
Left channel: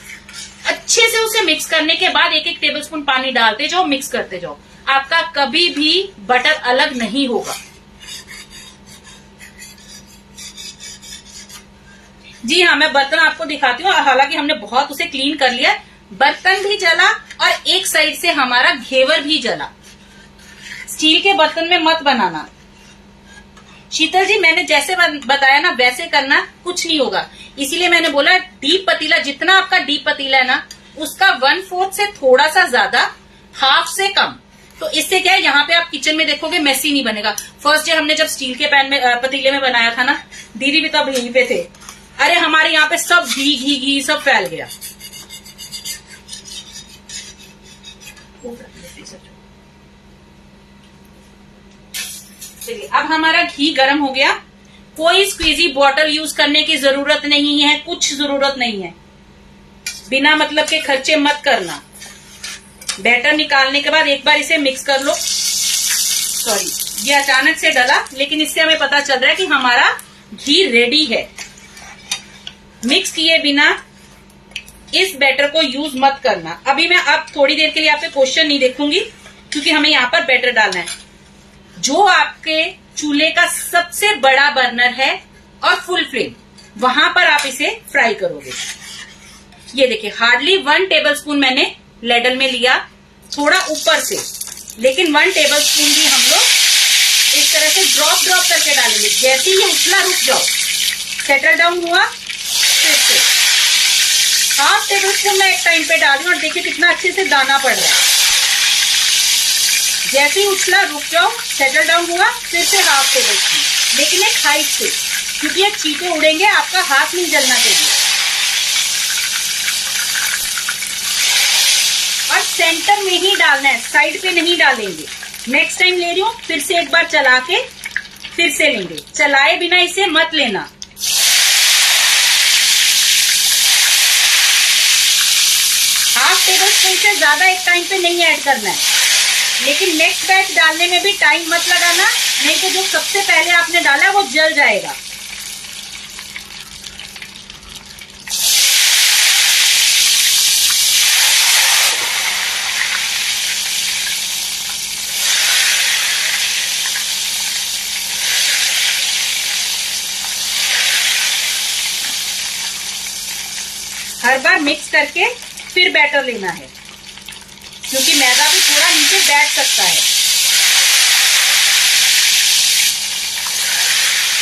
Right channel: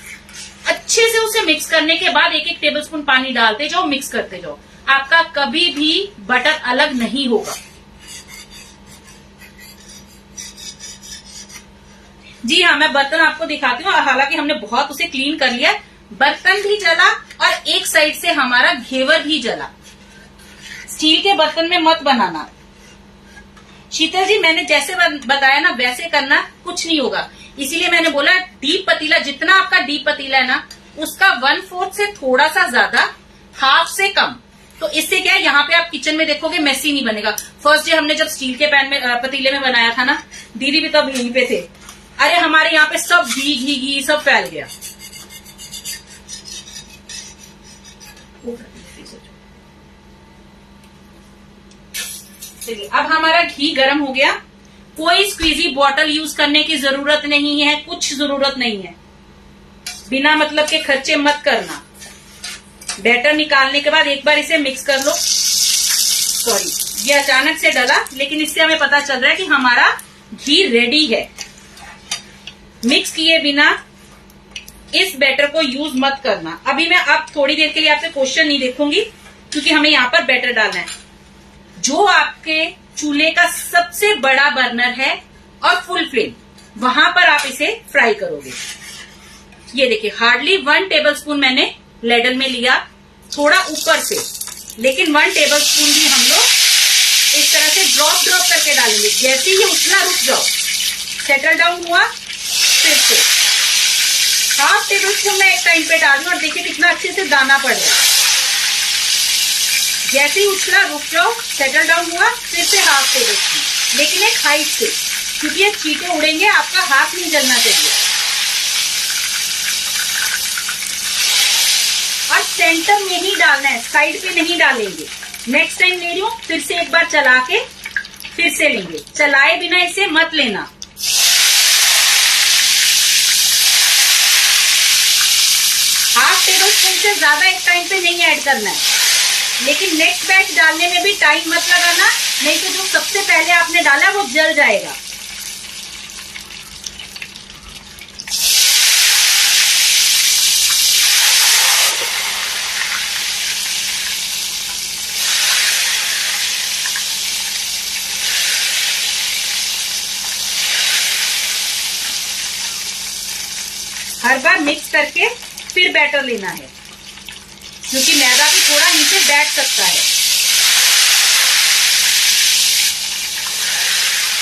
अच्छे से उसे मिक्स करने के बाद 1-1 टेबलस्पून पानी डालते जाओ, मिक्स करते जाओ। आपका कभी भी बटर अलग नहीं होगा। जी हाँ, मैं बर्तन आपको दिखाती हूँ। हालांकि हमने बहुत उसे क्लीन कर लिया, बर्तन भी जला और एक साइड से हमारा घेवर भी जला। स्टील के बर्तन में मत बनाना। शीतल जी, मैंने जैसे बताया ना वैसे करना, कुछ नहीं होगा। इसीलिए मैंने बोला डीप पतीला, जितना आपका डीप पतीला है ना उसका 1/4 से थोड़ा सा ज्यादा, हाफ से कम। तो इससे क्या है, यहाँ पे आप किचन में देखोगे मेसी नहीं बनेगा। फर्स्ट डे हमने जब स्टील के पैन में पतीले में बनाया था ना, दीदी भी तब यहीं पे थे, अरे हमारे यहाँ पे सब घी घी घी सब फैल गया। चलिए, अब हमारा घी गर्म हो गया। कोई स्क्वीजी बॉटल यूज करने की जरूरत नहीं है, कुछ जरूरत नहीं है। बिना मतलब के खर्चे मत करना। बैटर निकालने के बाद एक बार इसे मिक्स कर लो। सॉरी, ये अचानक से डला, लेकिन इससे हमें पता चल रहा है कि हमारा घी रेडी है। मिक्स किए बिना इस बैटर को यूज मत करना। अभी मैं अब थोड़ी देर के लिए आपसे क्वेश्चन नहीं देखूंगी, क्योंकि हमें यहाँ पर बैटर डालना है। जो आपके चूल्हे का सबसे बड़ा बर्नर है और फुल फ्लेम, वहां पर आप इसे फ्राई करोगे। ये देखिए, हार्डली 1 टेबलस्पून मैंने लेडल में लिया, थोड़ा ऊपर से, लेकिन 1 टेबलस्पून भी हम लोग इस तरह से ड्रॉप करके डालेंगे। जैसे ही उछला, रुक जाओ, सेटल डाउन हुआ, फिर से हाफ टेबल स्पून मैं एक टाइम पे डाल रही हूँ और देखिए कितना अच्छे से दाना पड़ रहा है। जैसे ही उछला रुक जाओ, सेटल डाउन हुआ, फिर से हाफ टेबल स्पून, लेकिन एक हाइट से, क्योंकि ये चीटे उड़ेंगे, आपका हाथ नहीं जलना चाहिए। और सेंटर में ही डालना है, साइड पे नहीं डालेंगे। नेक्स्ट टाइम ले रही हूँ, फिर से एक बार चला के फिर से लेंगे। चलाए बिना इसे मत लेना। हाफ टेबल स्पून से ज्यादा एक टाइम पे नहीं ऐड करना है, लेकिन नेक्स्ट बैच डालने में भी टाइम मत लगाना, नहीं तो जो सबसे पहले आपने डाला वो जल जाएगा। हर बार मिक्स करके फिर बैटर लेना है, क्योंकि मैदा भी थोड़ा नीचे बैठ सकता है।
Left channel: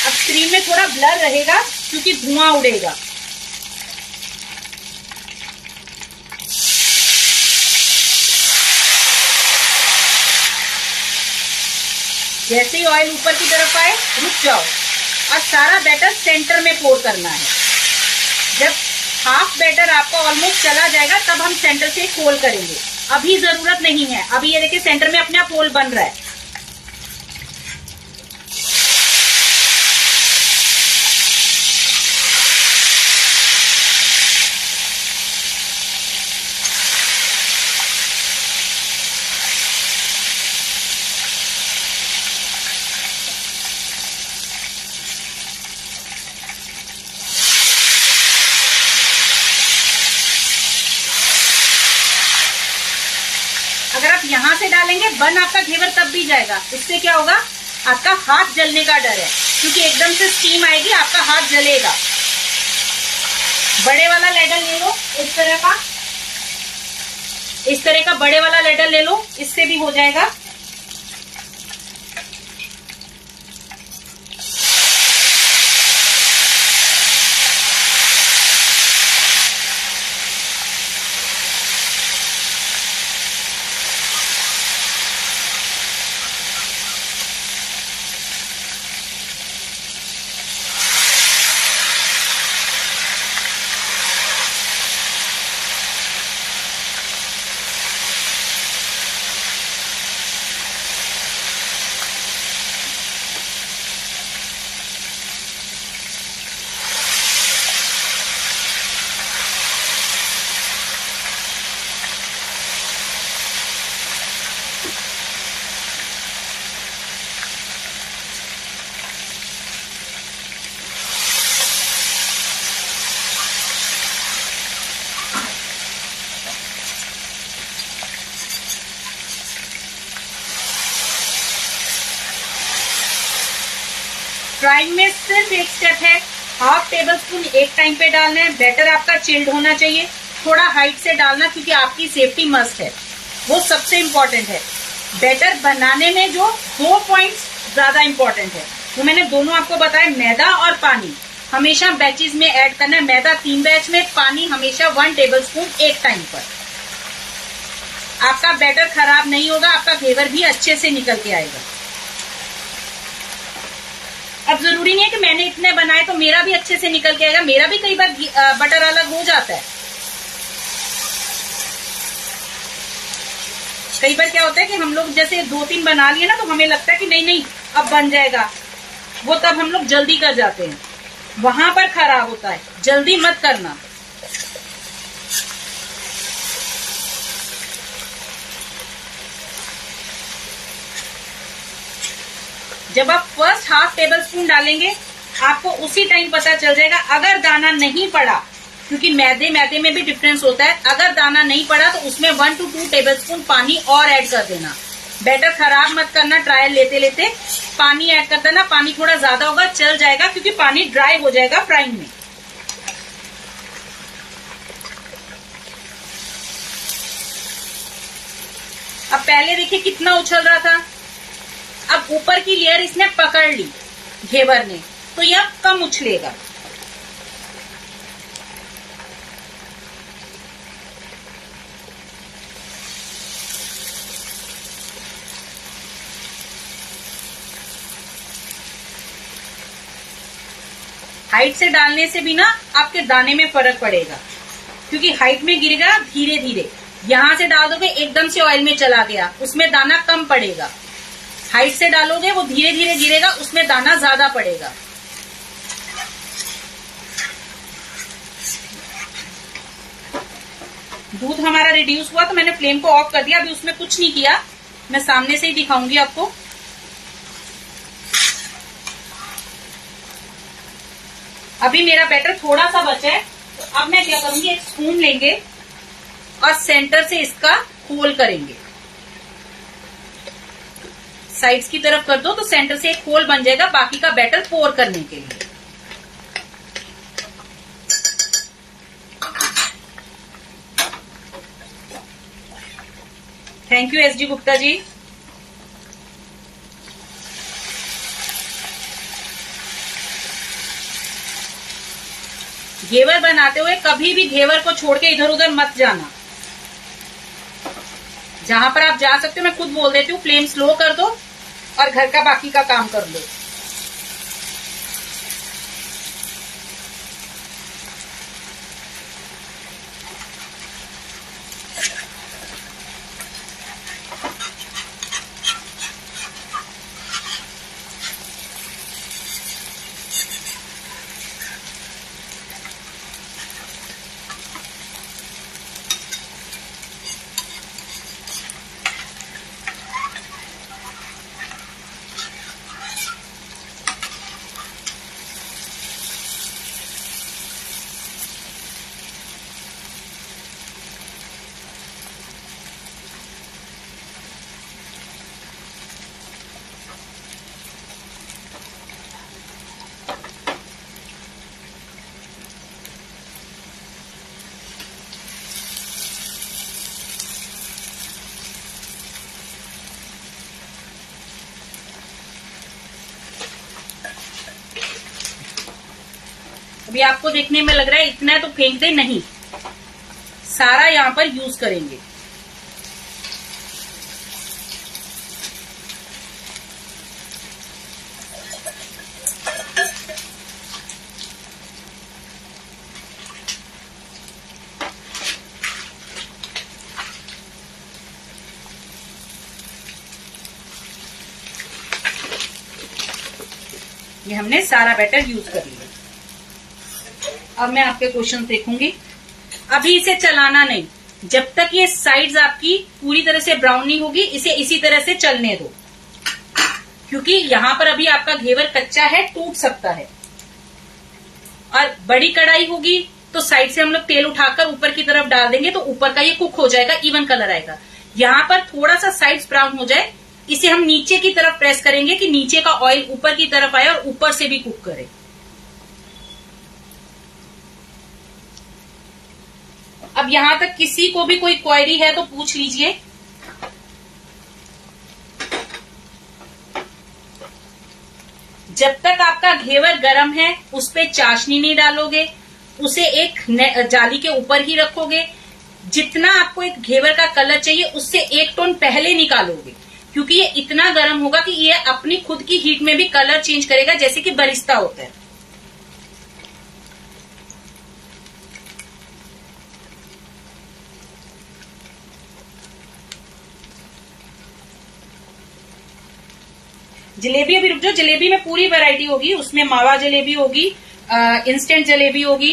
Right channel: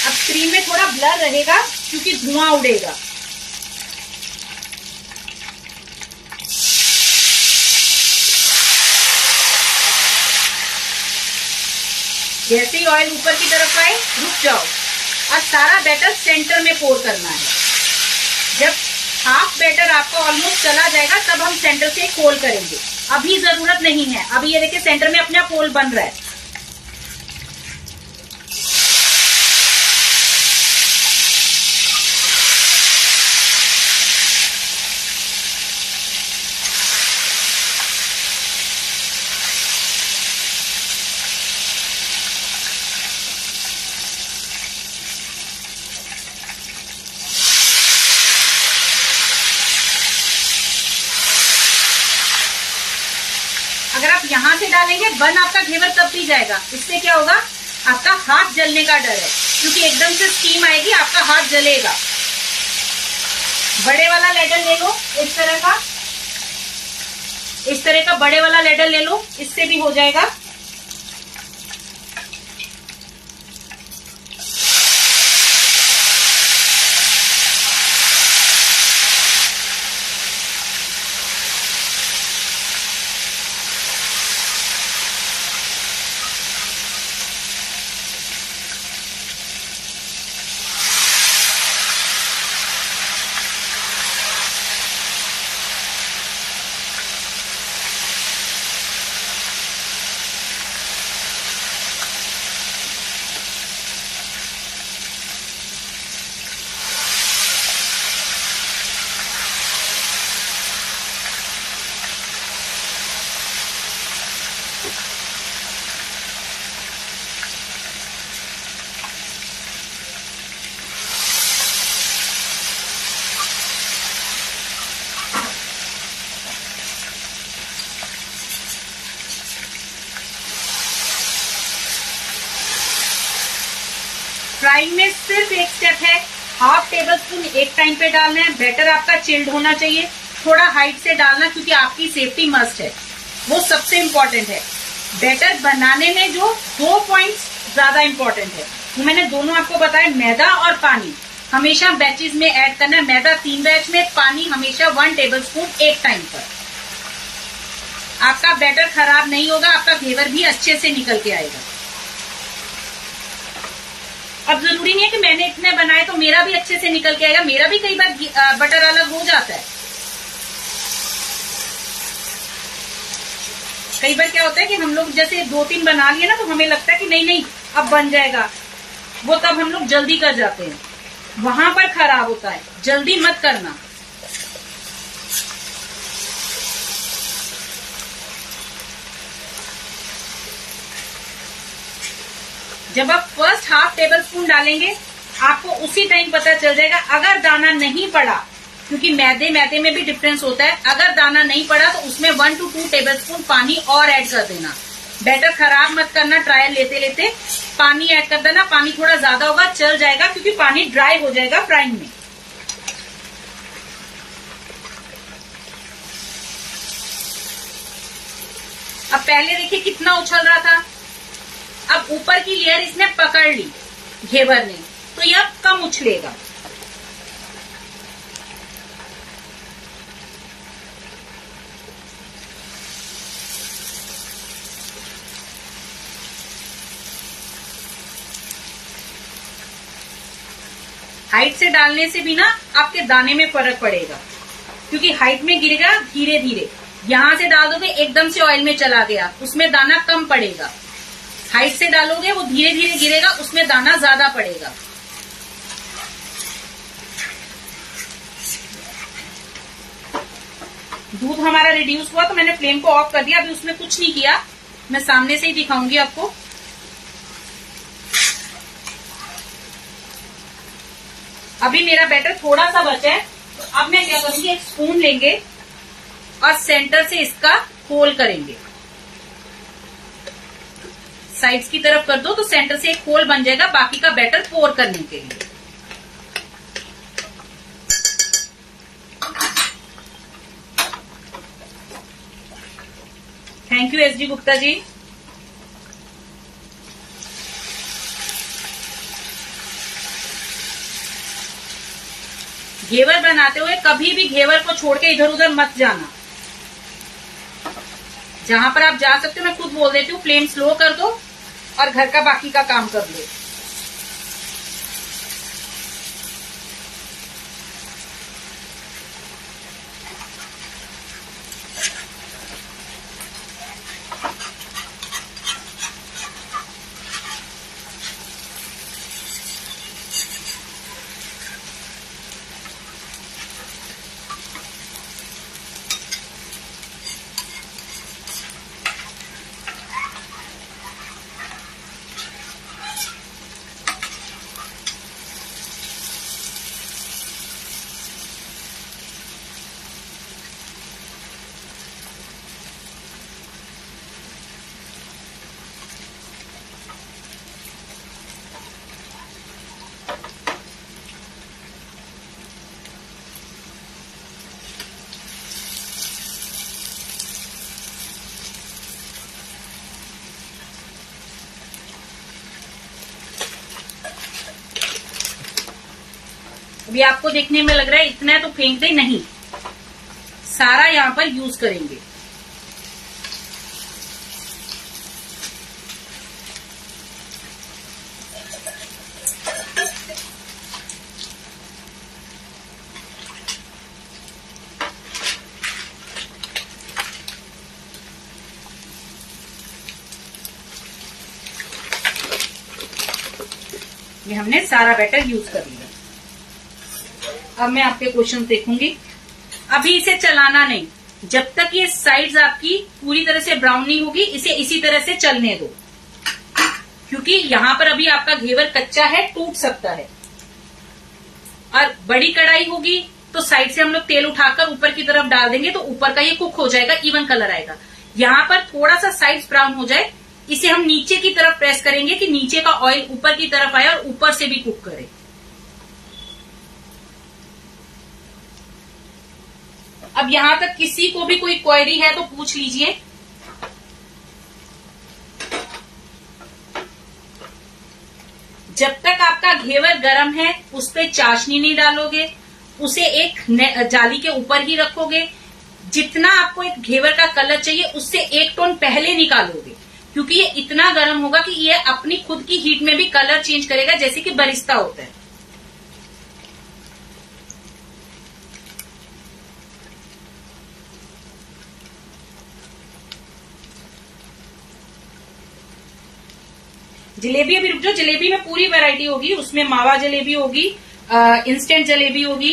अब स्क्रीन में थोड़ा ब्लर रहेगा क्योंकि धुआं उड़ेगा। जैसे ही ऑयल ऊपर की तरफ आए रुक जाओ और सारा बैटर सेंटर में पोर करना है। जब हाफ बैटर आपका ऑलमोस्ट चला जाएगा तब हम सेंटर से एक होल करेंगे। अभी जरूरत नहीं है, अभी ये देखिए सेंटर में अपने आप होल बन रहा है। अगर आप यहाँ से डालेंगे बन आपका घेवर तब भी जाएगा। इससे क्या होगा, आपका हाथ जलने का डर है, क्योंकि एकदम से स्टीम आएगी, आपका हाथ जलेगा। बड़े वाला लैडर ले लो, इस तरह का बड़े वाला लैडर ले लो, इससे भी हो जाएगा। फ्राइंग में सिर्फ एक स्टेप है, हाफ टेबल स्पून एक टाइम पे डालना है। बैटर आपका चिल्ड होना चाहिए, थोड़ा हाइट से डालना, क्योंकि आपकी सेफ्टी मस्ट है, वो सबसे इम्पोर्टेंट है। बैटर बनाने में जो 2 पॉइंट्स ज्यादा इम्पोर्टेंट है, वो मैंने दोनों आपको बताया, मैदा और पानी हमेशा बैचेस में ऐड करना है। मैदा 3 बैच में, पानी हमेशा 1 टेबल स्पून एक टाइम पर। आपका बैटर खराब नहीं होगा, आपका घेवर भी अच्छे से निकल के आएगा। अब जरूरी नहीं है कि मैंने इतने बनाए तो मेरा भी अच्छे से निकल के आएगा, मेरा भी कई बार बटर अलग हो जाता है। कई बार क्या होता है कि हम लोग जैसे 2-3 बना लिए ना, तो हमें लगता है कि नहीं अब बन जाएगा, वो तब हम लोग जल्दी कर जाते हैं, वहां पर खराब होता है। जल्दी मत करना। जब आप फर्स्ट हाफ टेबल स्पून डालेंगे, आपको उसी टाइम पता चल जाएगा। अगर दाना नहीं पड़ा, क्योंकि मैदे में भी डिफरेंस होता है, अगर दाना नहीं पड़ा तो उसमें 1 to 2 टेबल स्पून पानी और ऐड कर देना। बैटर खराब मत करना, ट्रायल लेते लेते पानी ऐड कर देना। पानी थोड़ा ज्यादा होगा, चल जाएगा, क्योंकि पानी ड्राई हो जाएगा फ्राइंग में। अब पहले देखिए कितना उछल रहा था, अब ऊपर की लेयर इसने पकड़ ली घेवर ने, तो यह कम उछलेगा। हाइट से डालने से भी ना आपके दाने में फर्क पड़ेगा, क्योंकि हाइट में गिरेगा धीरे धीरे। यहां से डाल दोगे एकदम से ऑयल में चला गया, उसमें दाना कम पड़ेगा। हाइट से डालोगे वो धीरे धीरे गिरेगा, उसमें दाना ज्यादा पड़ेगा। दूध हमारा रिड्यूस हुआ तो मैंने फ्लेम को ऑफ कर दिया। अभी उसमें कुछ नहीं किया, मैं सामने से ही दिखाऊंगी आपको। अभी मेरा बैटर थोड़ा सा बचा है, तो अब मैं क्या करूंगी, एक स्पून लेंगे और सेंटर से इसका होल करेंगे। साइड्स की तरफ कर दो तो सेंटर से एक होल बन जाएगा बाकी का बैटर पोर करने के लिए। Thank you SD Gupta ji. घेवर बनाते हुए कभी भी घेवर को छोड़ के इधर उधर मत जाना। जहां पर आप जा सकते हो, मैं खुद बोल देती हूँ, फ्लेम स्लो कर दो और घर का बाकी का काम कर लो। अभी आपको देखने में लग रहा है इतना है तो फेंक दे, नहीं, सारा यहाँ पर यूज करेंगे। ये हमने सारा बैटर यूज कर लिया। अब मैं आपके क्वेश्चन देखूंगी। अभी इसे चलाना नहीं, जब तक ये साइड्स आपकी पूरी तरह से ब्राउन नहीं होगी, इसे इसी तरह से चलने दो, क्योंकि यहाँ पर अभी आपका घेवर कच्चा है, टूट सकता है। और बड़ी कढ़ाई होगी तो साइड से हम लोग तेल उठाकर ऊपर की तरफ डाल देंगे तो ऊपर का ये कुक हो जाएगा, इवन कलर आएगा। यहाँ पर थोड़ा सा साइड्स ब्राउन हो जाए, इसे हम नीचे की तरफ प्रेस करेंगे कि नीचे का ऑयल ऊपर की तरफ आए और ऊपर से भी कुक करे। अब यहां तक किसी को भी कोई क्वेरी है तो पूछ लीजिए। जब तक आपका घेवर गर्म है उस पे चाशनी नहीं डालोगे, उसे एक जाली के ऊपर ही रखोगे। जितना आपको एक घेवर का कलर चाहिए उससे 1 टोन पहले निकालोगे, क्योंकि ये इतना गर्म होगा कि ये अपनी खुद की हीट में भी कलर चेंज करेगा, जैसे कि बरिस्ता होता है। जलेबी अभी रुक जाओ, जलेबी में पूरी वैरायटी होगी। उसमें मावा जलेबी होगी, इंस्टेंट जलेबी होगी,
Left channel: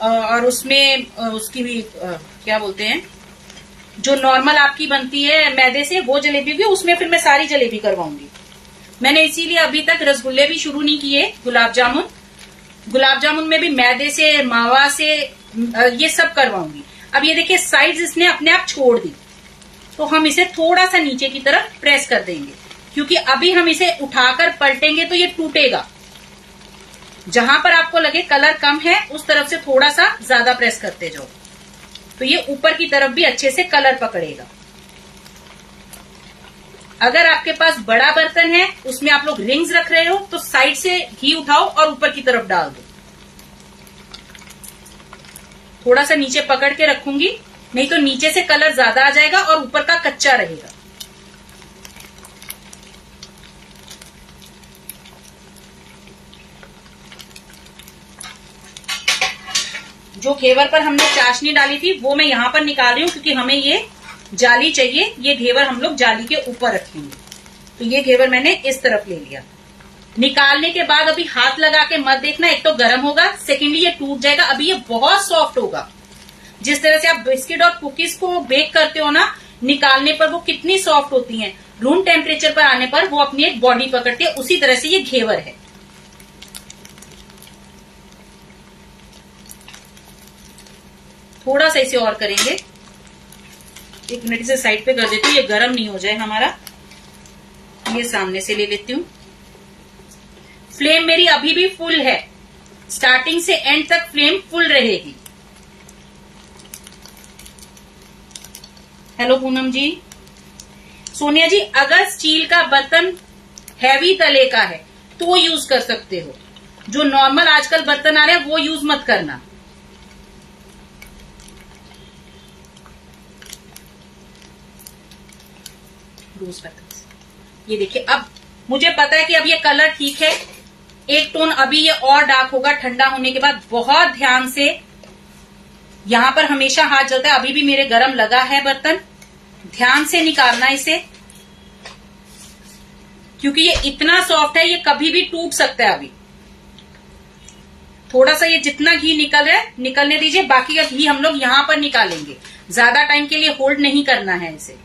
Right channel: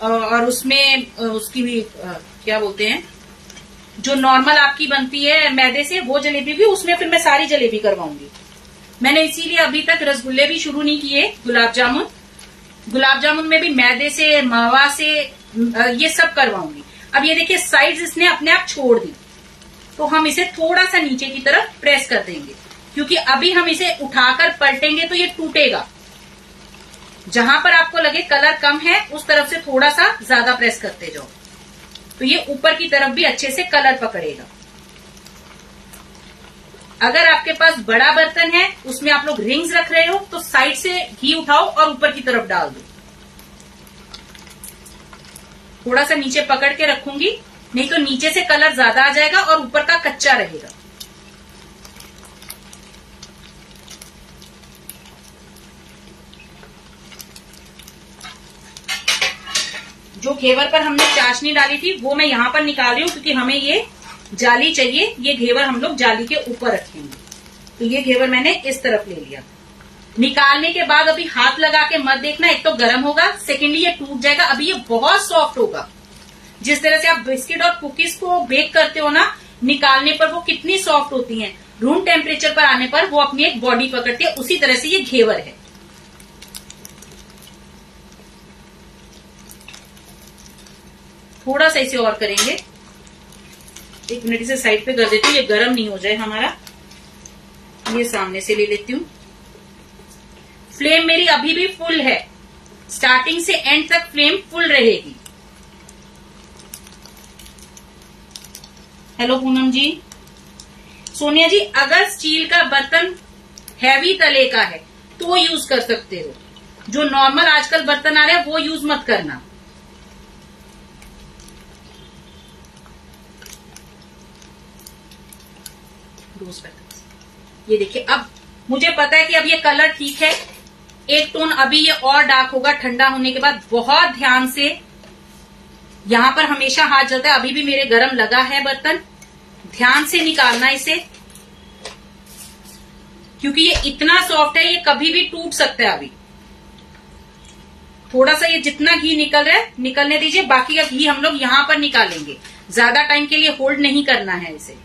और उसमें उसकी भी क्या बोलते हैं, जो नॉर्मल आपकी बनती है मैदे से, वो जलेबी भी। उसमें फिर मैं सारी जलेबी करवाऊंगी। मैंने इसीलिए अभी तक रसगुल्ले भी शुरू नहीं किए। गुलाब जामुन में भी मैदे से, मावा से, ये सब करवाऊंगी। अब ये देखिए साइड्स इसने अपने आप छोड़ दी, तो हम इसे थोड़ा सा नीचे की तरफ प्रेस कर देंगे, क्योंकि अभी हम इसे उठाकर पलटेंगे तो ये टूटेगा। जहां पर आपको लगे कलर कम है उस तरफ से थोड़ा सा ज्यादा प्रेस करते जाओ, तो ये ऊपर की तरफ भी अच्छे से कलर पकड़ेगा। अगर आपके पास बड़ा बर्तन है, उसमें आप लोग रिंग्स रख रहे हो, तो साइड से घी उठाओ और ऊपर की तरफ डाल दो। थोड़ा सा नीचे पकड़ के रखूंगी, नहीं तो नीचे से कलर ज्यादा आ जाएगा और ऊपर का कच्चा रहेगा। जो घेवर पर हमने चाशनी डाली थी वो मैं यहाँ पर निकाल रही हूँ, क्योंकि हमें ये जाली चाहिए। ये घेवर हम लोग जाली के ऊपर रखेंगे। तो ये घेवर मैंने इस तरफ ले लिया। निकालने के बाद अभी हाथ लगा के मत देखना, एक तो गर्म होगा, सेकेंडली ये टूट जाएगा। अभी ये बहुत सॉफ्ट होगा। जिस तरह से आप बिस्किट और कुकीज को बेक करते हो ना, निकालने पर वो कितनी सॉफ्ट होती हैं, रूम टेम्परेचर पर आने पर वो अपनी एक बॉडी पकड़ती है, उसी तरह से ये घेवर है। थोड़ा सा इसे और करेंगे, 1 मिनट इसे साइड पे कर देती हूँ, ये गर्म नहीं हो जाए हमारा। ये सामने से ले लेती हूँ। फ्लेम मेरी अभी भी फुल है, स्टार्टिंग से एंड तक फ्लेम फुल रहेगी। हेलो पूनम जी। सोनिया जी, अगर स्टील का बर्तन हैवी तले का है तो यूज कर सकते हो, जो नॉर्मल आजकल बर्तन आ रहे हैं वो यूज मत करना। दूसरा ये देखिए, अब मुझे पता है कि अब ये कलर ठीक है, एक टोन अभी ये और डार्क होगा ठंडा होने के बाद। बहुत ध्यान से, यहां पर हमेशा हाथ जलता है, अभी भी मेरे गरम लगा है बर्तन। ध्यान से निकालना इसे, क्योंकि ये इतना सॉफ्ट है, ये कभी भी टूट सकता है। अभी थोड़ा सा ये जितना घी निकल रहा है निकलने दीजिए, बाकी का घी हम लोग यहां पर निकालेंगे। ज्यादा टाइम के लिए होल्ड नहीं करना है इसे।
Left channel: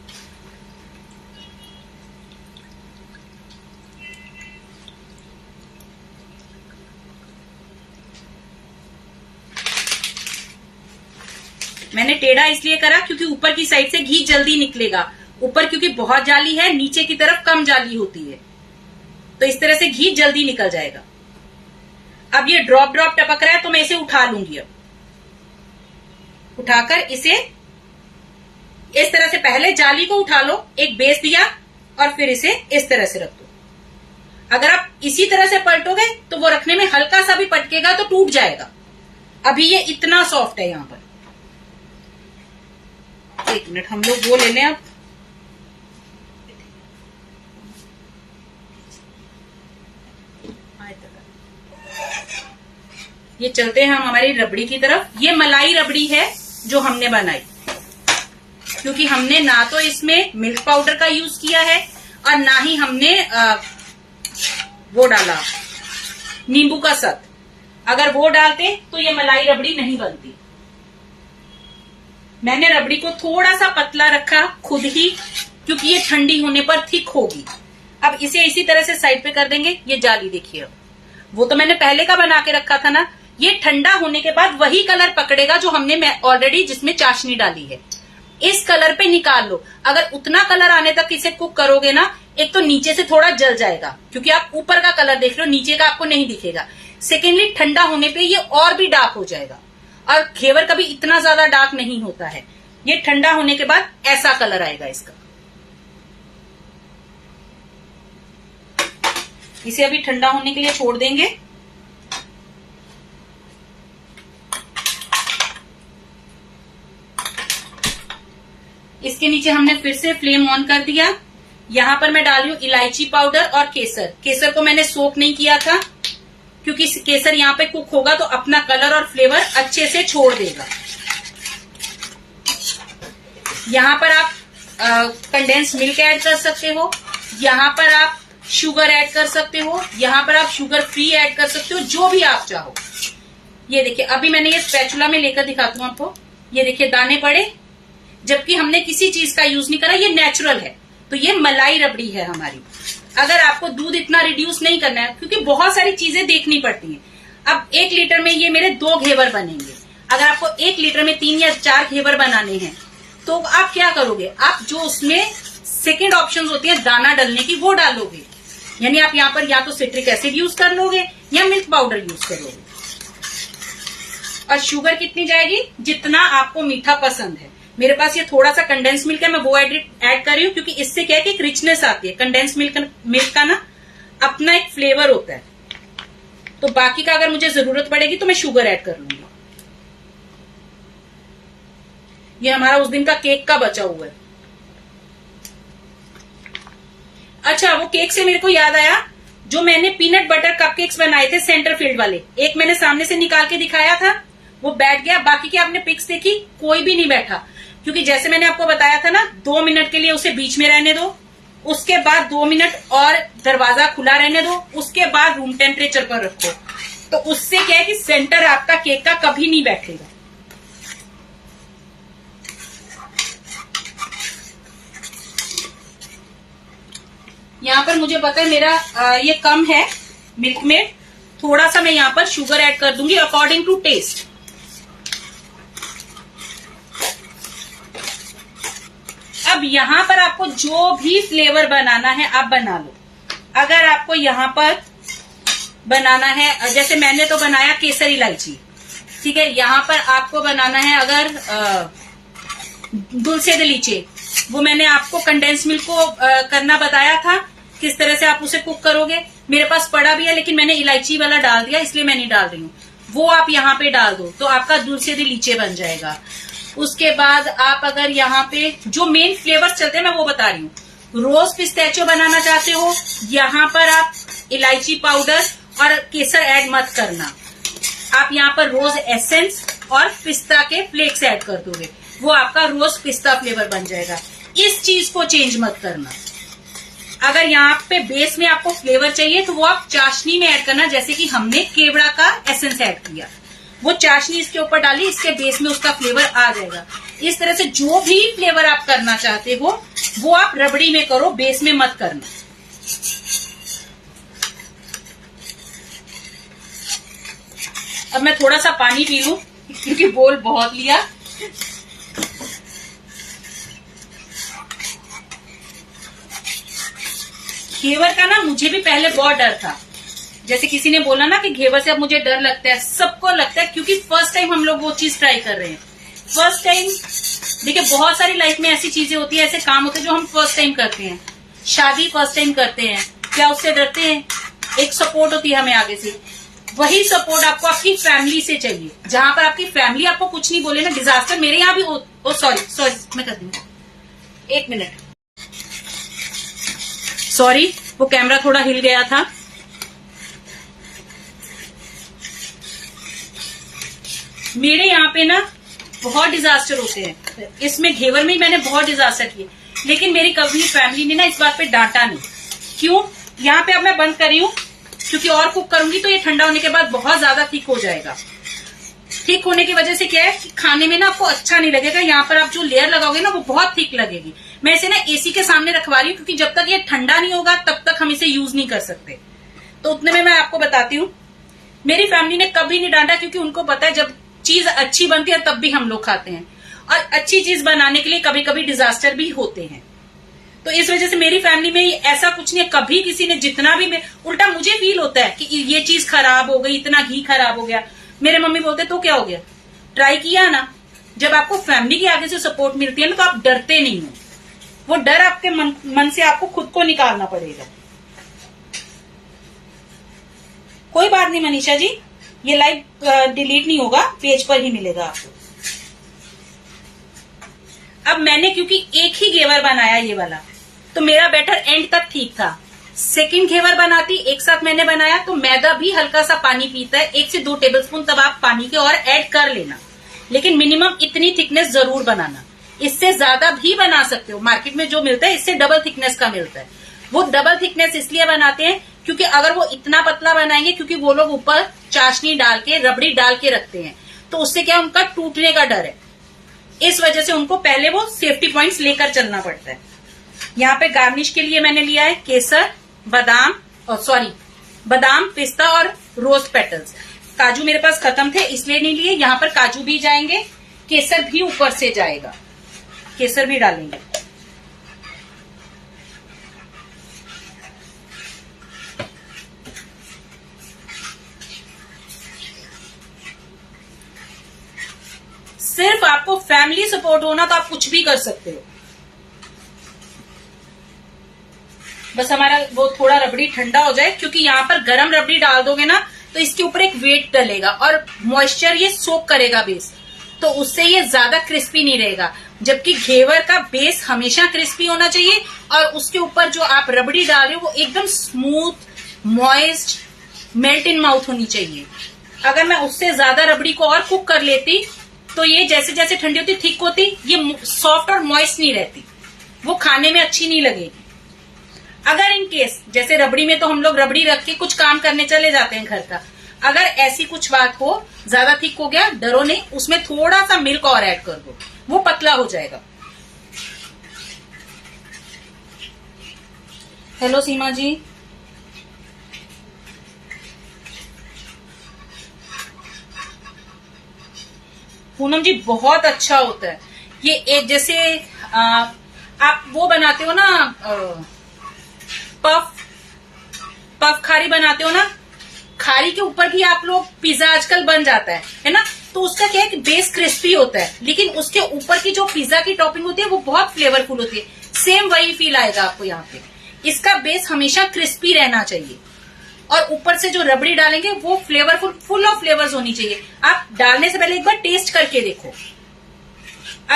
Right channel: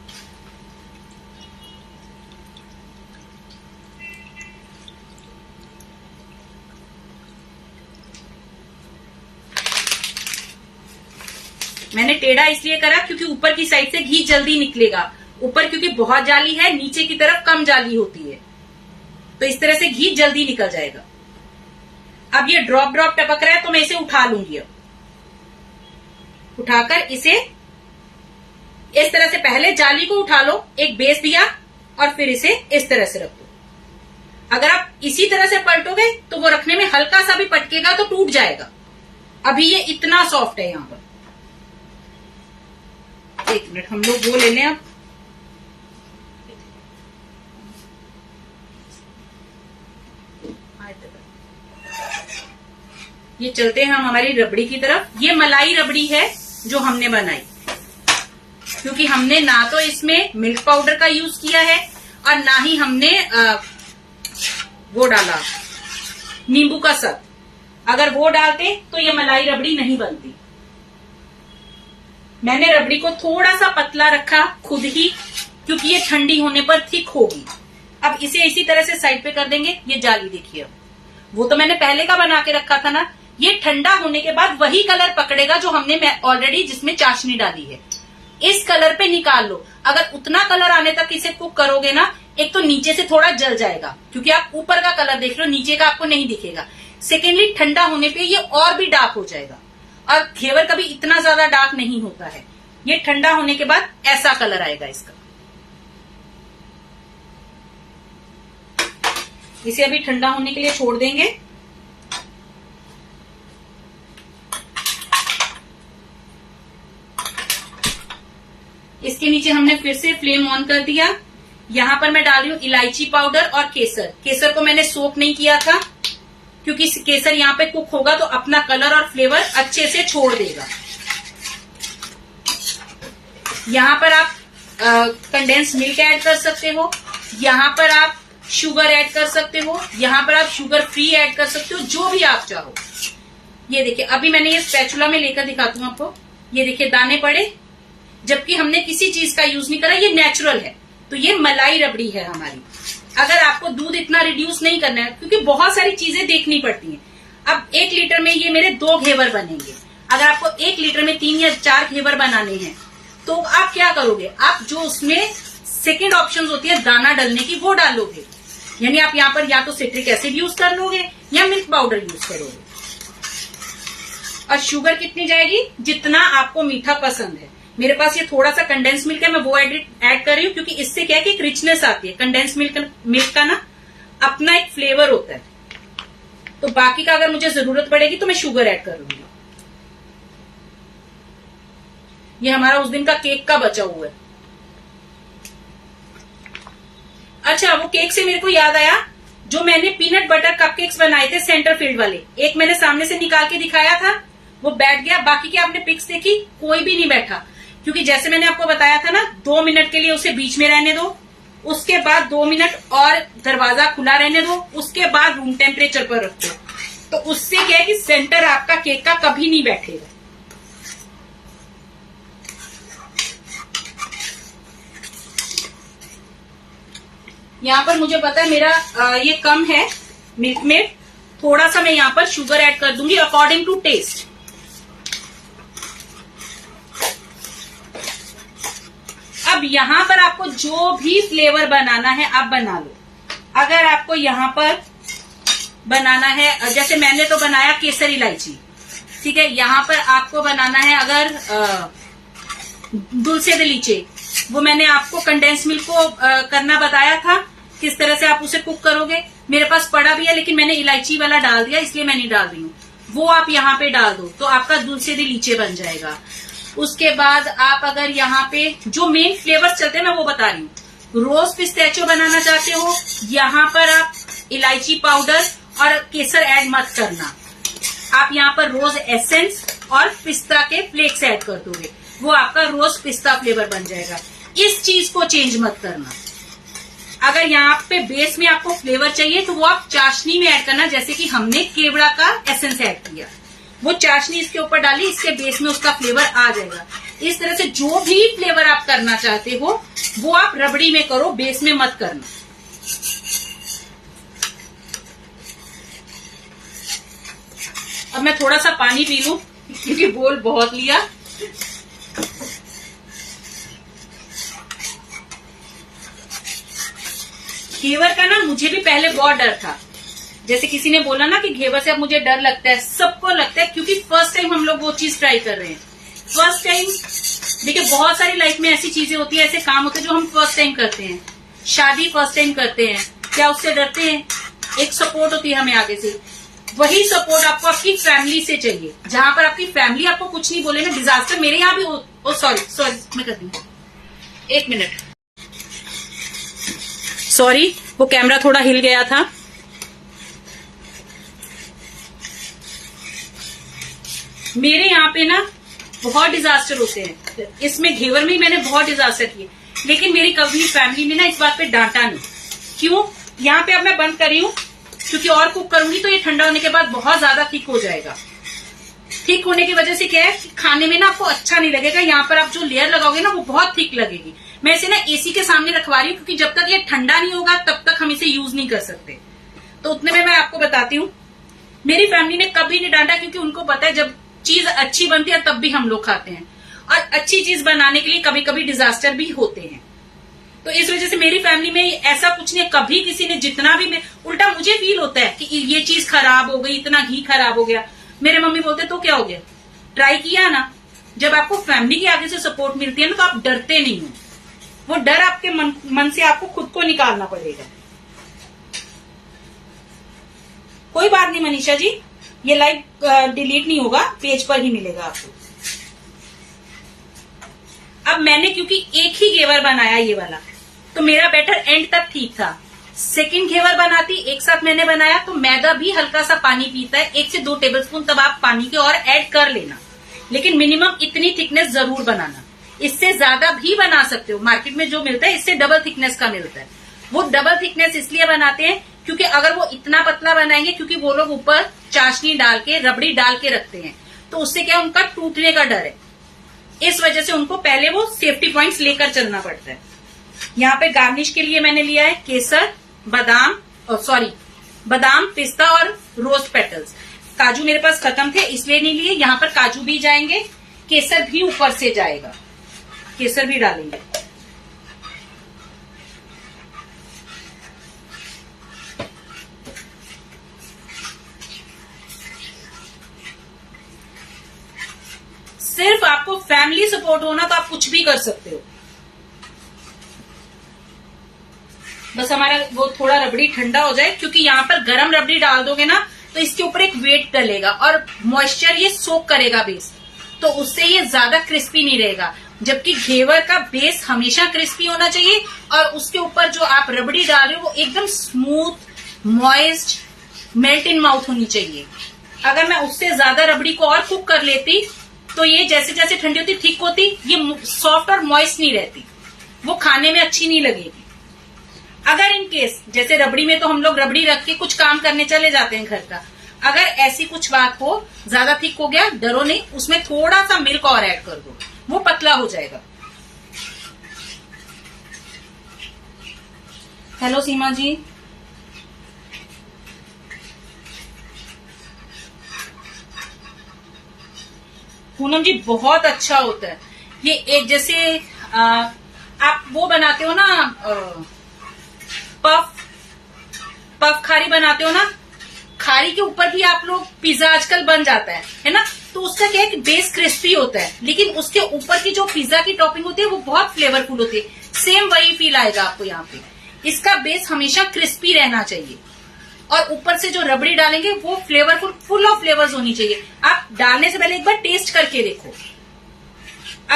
मैंने टेढ़ा इसलिए करा क्योंकि ऊपर की साइड से घी जल्दी निकलेगा। ऊपर क्योंकि बहुत जाली है, नीचे की तरफ कम जाली होती है, तो इस तरह से घी जल्दी निकल जाएगा। अब ये ड्रॉप ड्रॉप टपक रहा है तो मैं इसे उठा लूंगी। अब उठाकर इसे इस तरह से, पहले जाली को उठा लो, एक बेस दिया और फिर इसे इस तरह से रख दो। अगर आप इसी तरह से पलटोगे तो वो रखने में हल्का सा भी पटकेगा तो टूट जाएगा। अभी ये इतना सॉफ्ट है। यहां पर 1 मिनट हम लोग वो ले लें। अब ये चलते हैं हम हमारी रबड़ी की तरफ। ये मलाई रबड़ी है जो हमने बनाई, क्योंकि हमने ना तो इसमें मिल्क पाउडर का यूज किया है और ना ही हमने वो डाला नींबू का सत। अगर वो डालते तो ये मलाई रबड़ी नहीं बनती। मैंने रबड़ी को थोड़ा सा पतला रखा खुद ही, क्योंकि ये ठंडी होने पर थिक होगी। अब इसे इसी तरह से साइड पे कर देंगे। ये जाली देखिए, वो तो मैंने पहले का बना के रखा था ना, ये ठंडा होने के बाद वही कलर पकड़ेगा जो हमने ऑलरेडी जिसमें चाशनी डाली है। इस कलर पे निकाल लो। अगर उतना कलर आने तक इसे कुक करोगे ना, एक तो नीचे से थोड़ा जल जाएगा, क्योंकि आप ऊपर का कलर देख रहे हो, नीचे का आपको नहीं दिखेगा। सेकेंडली, ठंडा होने पे ये और भी डार्क हो जाएगा, और घेवर कभी इतना ज्यादा डार्क नहीं होता है। ये ठंडा होने के बाद ऐसा कलर आएगा इसका। इसे अभी ठंडा होने के लिए छोड़ देंगे। इसके नीचे हमने फिर से फ्लेम ऑन कर दिया। यहाँ पर मैं डाल रही हूँ इलायची पाउडर और केसर। केसर को मैंने सोक नहीं किया था, क्योंकि केसर यहाँ पे कुक होगा तो अपना कलर और फ्लेवर अच्छे से छोड़ देगा। यहाँ पर आप कंडेंस मिल्क ऐड कर सकते हो, यहाँ पर आप शुगर ऐड कर सकते हो, यहाँ पर आप शुगर फ्री ऐड कर सकते हो, जो भी आप चाहो। ये देखिए, अभी मैंने ये स्पैचुला में लेकर दिखाती हूँ आपको। ये देखिए दाने पड़े, जबकि हमने किसी चीज का यूज नहीं करा, ये नेचुरल है। तो ये मलाई रबड़ी है हमारी। अगर आपको दूध इतना रिड्यूस नहीं करना है, क्योंकि बहुत सारी चीजें देखनी पड़ती हैं। अब 1 लीटर में ये मेरे 2 घेवर बनेंगे। अगर आपको 1 लीटर में 3 या 4 घेवर बनाने हैं तो आप क्या करोगे, आप जो उसमें सेकेंड ऑप्शन होती है दाना डालने की, वो डालोगे। यानी आप यहाँ पर या तो सिट्रिक एसिड यूज कर लोगे या मिल्क पाउडर यूज करोगे। और शुगर कितनी जाएगी, जितना आपको मीठा पसंद है। मेरे पास ये थोड़ा सा कंडेंस मिल्क है, मैं वो ऐड कर रही हूँ, क्योंकि इससे क्या है कि एक रिचनेस आती है। कंडेंस मिल्क का ना अपना एक फ्लेवर होता है। तो बाकी का अगर मुझे जरूरत पड़ेगी तो मैं शुगर ऐड कर लूंगी। ये हमारा उस दिन का केक का बचा हुआ है। अच्छा, वो केक से मेरे को याद आया, जो मैंने पीनट बटर कपकेक्स बनाए थे सेंटर फील्ड वाले, एक मैंने सामने से निकाल के दिखाया था, वो बैठ गया। बाकी के आपने पिक्स देखी, कोई भी नहीं बैठा, क्योंकि जैसे मैंने आपको बताया था ना 2 मिनट के लिए उसे बीच में रहने दो, उसके बाद 2 मिनट और दरवाजा खुला रहने दो, उसके बाद रूम टेम्परेचर पर रखो। तो उससे क्या है कि सेंटर आपका केक का कभी नहीं बैठेगा। यहाँ पर मुझे पता है मेरा ये कम है मिल्क में, थोड़ा सा मैं यहाँ पर शुगर ऐड कर दूंगी अकॉर्डिंग टू टेस्ट। अब यहाँ पर आपको जो भी फ्लेवर बनाना है आप बना लो। अगर आपको यहाँ पर बनाना है, जैसे मैंने तो बनाया केसर इलायची, ठीक है। यहाँ पर आपको बनाना है अगर दुल्से दे लीचे, वो मैंने आपको कंडेंस मिल्क को करना बताया था, किस तरह से आप उसे कुक करोगे। मेरे पास पड़ा भी है लेकिन मैंने इलायची वाला डाल दिया, इसलिए मैं नहीं डाल रही हूँ। वो आप यहाँ पे डाल दो तो आपका दुल्से दे लीचे बन जाएगा। उसके बाद आप अगर यहाँ पे जो मेन फ्लेवर्स चलते हैं मैं वो बता रही हूँ। रोज पिस्ताचियो बनाना चाहते हो, यहाँ पर आप इलायची पाउडर और केसर ऐड मत करना, आप यहाँ पर रोज एसेंस और पिस्ता के फ्लेक्स ऐड कर दोगे, वो आपका रोज पिस्ता फ्लेवर बन जाएगा। इस चीज को चेंज मत करना। अगर यहाँ पे बेस में आपको फ्लेवर चाहिए तो वो आप चाशनी में ऐड करना, जैसे कि हमने केवड़ा का एसेंस ऐड किया, वो चाशनी इसके ऊपर डाली, इसके बेस में उसका फ्लेवर आ जाएगा। इस तरह से जो भी फ्लेवर आप करना चाहते हो वो आप रबड़ी में करो, बेस में मत करना। अब मैं थोड़ा सा पानी पी लूं क्योंकि बोल बहुत लिया। घेवर का ना मुझे भी पहले बहुत डर था, जैसे किसी ने बोला ना कि घेवर से अब मुझे डर लगता है, सबको लगता है क्योंकि फर्स्ट टाइम हम लोग वो चीज ट्राई कर रहे हैं। फर्स्ट टाइम देखिए बहुत सारी लाइफ में ऐसी चीजें होती है, ऐसे काम होते हैं जो हम फर्स्ट टाइम करते हैं। शादी फर्स्ट टाइम करते हैं, क्या उससे डरते हैं? एक सपोर्ट होती है हमें आगे से, वही सपोर्ट आपको आपकी फैमिली से चाहिए। जहां पर आपकी फैमिली आपको कुछ नहीं बोले ना, डिजास्टर मेरे यहाँ भी हो सॉरी मैं कर दूंगी, 1 मिनट, सॉरी वो कैमरा थोड़ा हिल गया था। मेरे यहाँ पे ना बहुत डिजास्टर होते हैं, इसमें घेवर में मैंने बहुत डिजास्टर किए, लेकिन मेरी कभी फैमिली ने ना इस बात पे डांटा नहीं। क्यों? यहाँ पे अब मैं बंद कर रही हूँ क्योंकि और कुक करूंगी तो ये ठंडा होने के बाद बहुत ज्यादा थिक हो जाएगा। थिक होने की वजह से क्या है कि खाने में ना आपको अच्छा नहीं लगेगा। यहाँ पर आप जो लेयर लगाओगे ना वो बहुत थिक लगेगी। मैं इसे ना एसी के सामने रखवा रही हूँ क्योंकि जब तक ये ठंडा नहीं होगा तब तक हम इसे यूज नहीं कर सकते। तो उतने में मैं आपको बताती हूँ, मेरी फैमिली ने कभी नहीं डांटा क्योंकि उनको पता है जब चीज अच्छी बनती है तब भी हम लोग खाते हैं, और अच्छी चीज बनाने के लिए कभी कभी डिजास्टर भी होते हैं। तो इस वजह से मेरी फैमिली में ऐसा कुछ नहीं है, कभी किसी ने जितना भी, उल्टा मुझे फील होता है कि ये चीज खराब हो गई, इतना घी खराब हो गया, मेरे मम्मी बोलते तो क्या हो गया, ट्राई किया ना। जब आपको फैमिली के आगे से सपोर्ट मिलती है ना तो आप डरते नहीं हो, वो डर आपके मन से आपको खुद को निकालना पड़ेगा। कोई बात नहीं मनीषा जी, ये लाइव डिलीट नहीं होगा, पेज पर ही मिलेगा आपको। अब मैंने क्योंकि एक ही घेवर बनाया ये वाला, तो मेरा बैटर एंड तक ठीक था। सेकंड घेवर बनाती एक साथ मैंने बनाया तो मैदा भी हल्का सा पानी पीता है, 1 से 2 टेबलस्पून, तब आप पानी के और ऐड कर लेना, लेकिन मिनिमम इतनी थिकनेस जरूर बनाना। इससे ज्यादा भी बना सकते हो, मार्केट में जो मिलता है इससे डबल थिकनेस का मिलता है। वो डबल थिकनेस इसलिए बनाते हैं क्योंकि अगर वो इतना पतला बनाएंगे, क्योंकि वो लोग ऊपर चाशनी डाल के रबड़ी डाल के रखते हैं, तो उससे क्या उनका टूटने का डर है, इस वजह से उनको पहले वो सेफ्टी पॉइंट्स लेकर चलना पड़ता है। यहाँ पे गार्निश के लिए मैंने लिया है केसर, बादाम, पिस्ता और रोज पेटल्स। काजू मेरे पास खत्म थे इसलिए नहीं लिए, यहाँ पर काजू भी जाएंगे, केसर भी ऊपर से जाएगा, केसर भी डालेंगे। सिर्फ आपको फैमिली सपोर्ट होना तो आप कुछ भी कर सकते हो। बस हमारा वो थोड़ा रबड़ी ठंडा हो जाए, क्योंकि यहाँ पर गरम रबड़ी डाल दोगे ना तो इसके ऊपर एक वेट डलेगा और मॉइस्चर ये सोक करेगा बेस, तो उससे ये ज्यादा क्रिस्पी नहीं रहेगा। जबकि घेवर का बेस हमेशा क्रिस्पी होना चाहिए और उसके ऊपर जो आप रबड़ी डाल रहे हो वो एकदम smooth, moist, melt in mouth होनी चाहिए, अगर मैं उससे ज्यादा रबड़ी को और कुक कर लेती तो ये जैसे जैसे ठंडी होती थिक होती, ये सॉफ्ट और मॉइस्ट नहीं रहती, वो खाने में अच्छी नहीं लगेगी। अगर इन केस जैसे रबड़ी में तो हम लोग रबड़ी रख के कुछ काम करने चले जाते हैं घर का, अगर ऐसी कुछ बात हो, ज्यादा थिक हो गया, डरो नहीं, उसमें थोड़ा सा मिल्क और ऐड कर दो, वो पतला हो जाएगा। हेलो सीमा जी, पूनम जी बहुत अच्छा होता है ये। एक जैसे आप वो बनाते हो ना, पफ पफ खारी बनाते हो ना, खारी के ऊपर भी आप लोग पिज्जा आजकल बन जाता है ना, तो उसका क्या है कि बेस क्रिस्पी होता है, लेकिन उसके ऊपर की जो पिज्जा की टॉपिंग होती है वो बहुत फ्लेवरफुल होती है। सेम वही फील आएगा आपको यहाँ पे। इसका बेस हमेशा क्रिस्पी रहना चाहिए और ऊपर से जो रबड़ी डालेंगे वो फ्लेवरफुल, फुल ऑफ फ्लेवर्स होनी चाहिए। आप डालने से पहले एक बार टेस्ट करके देखो,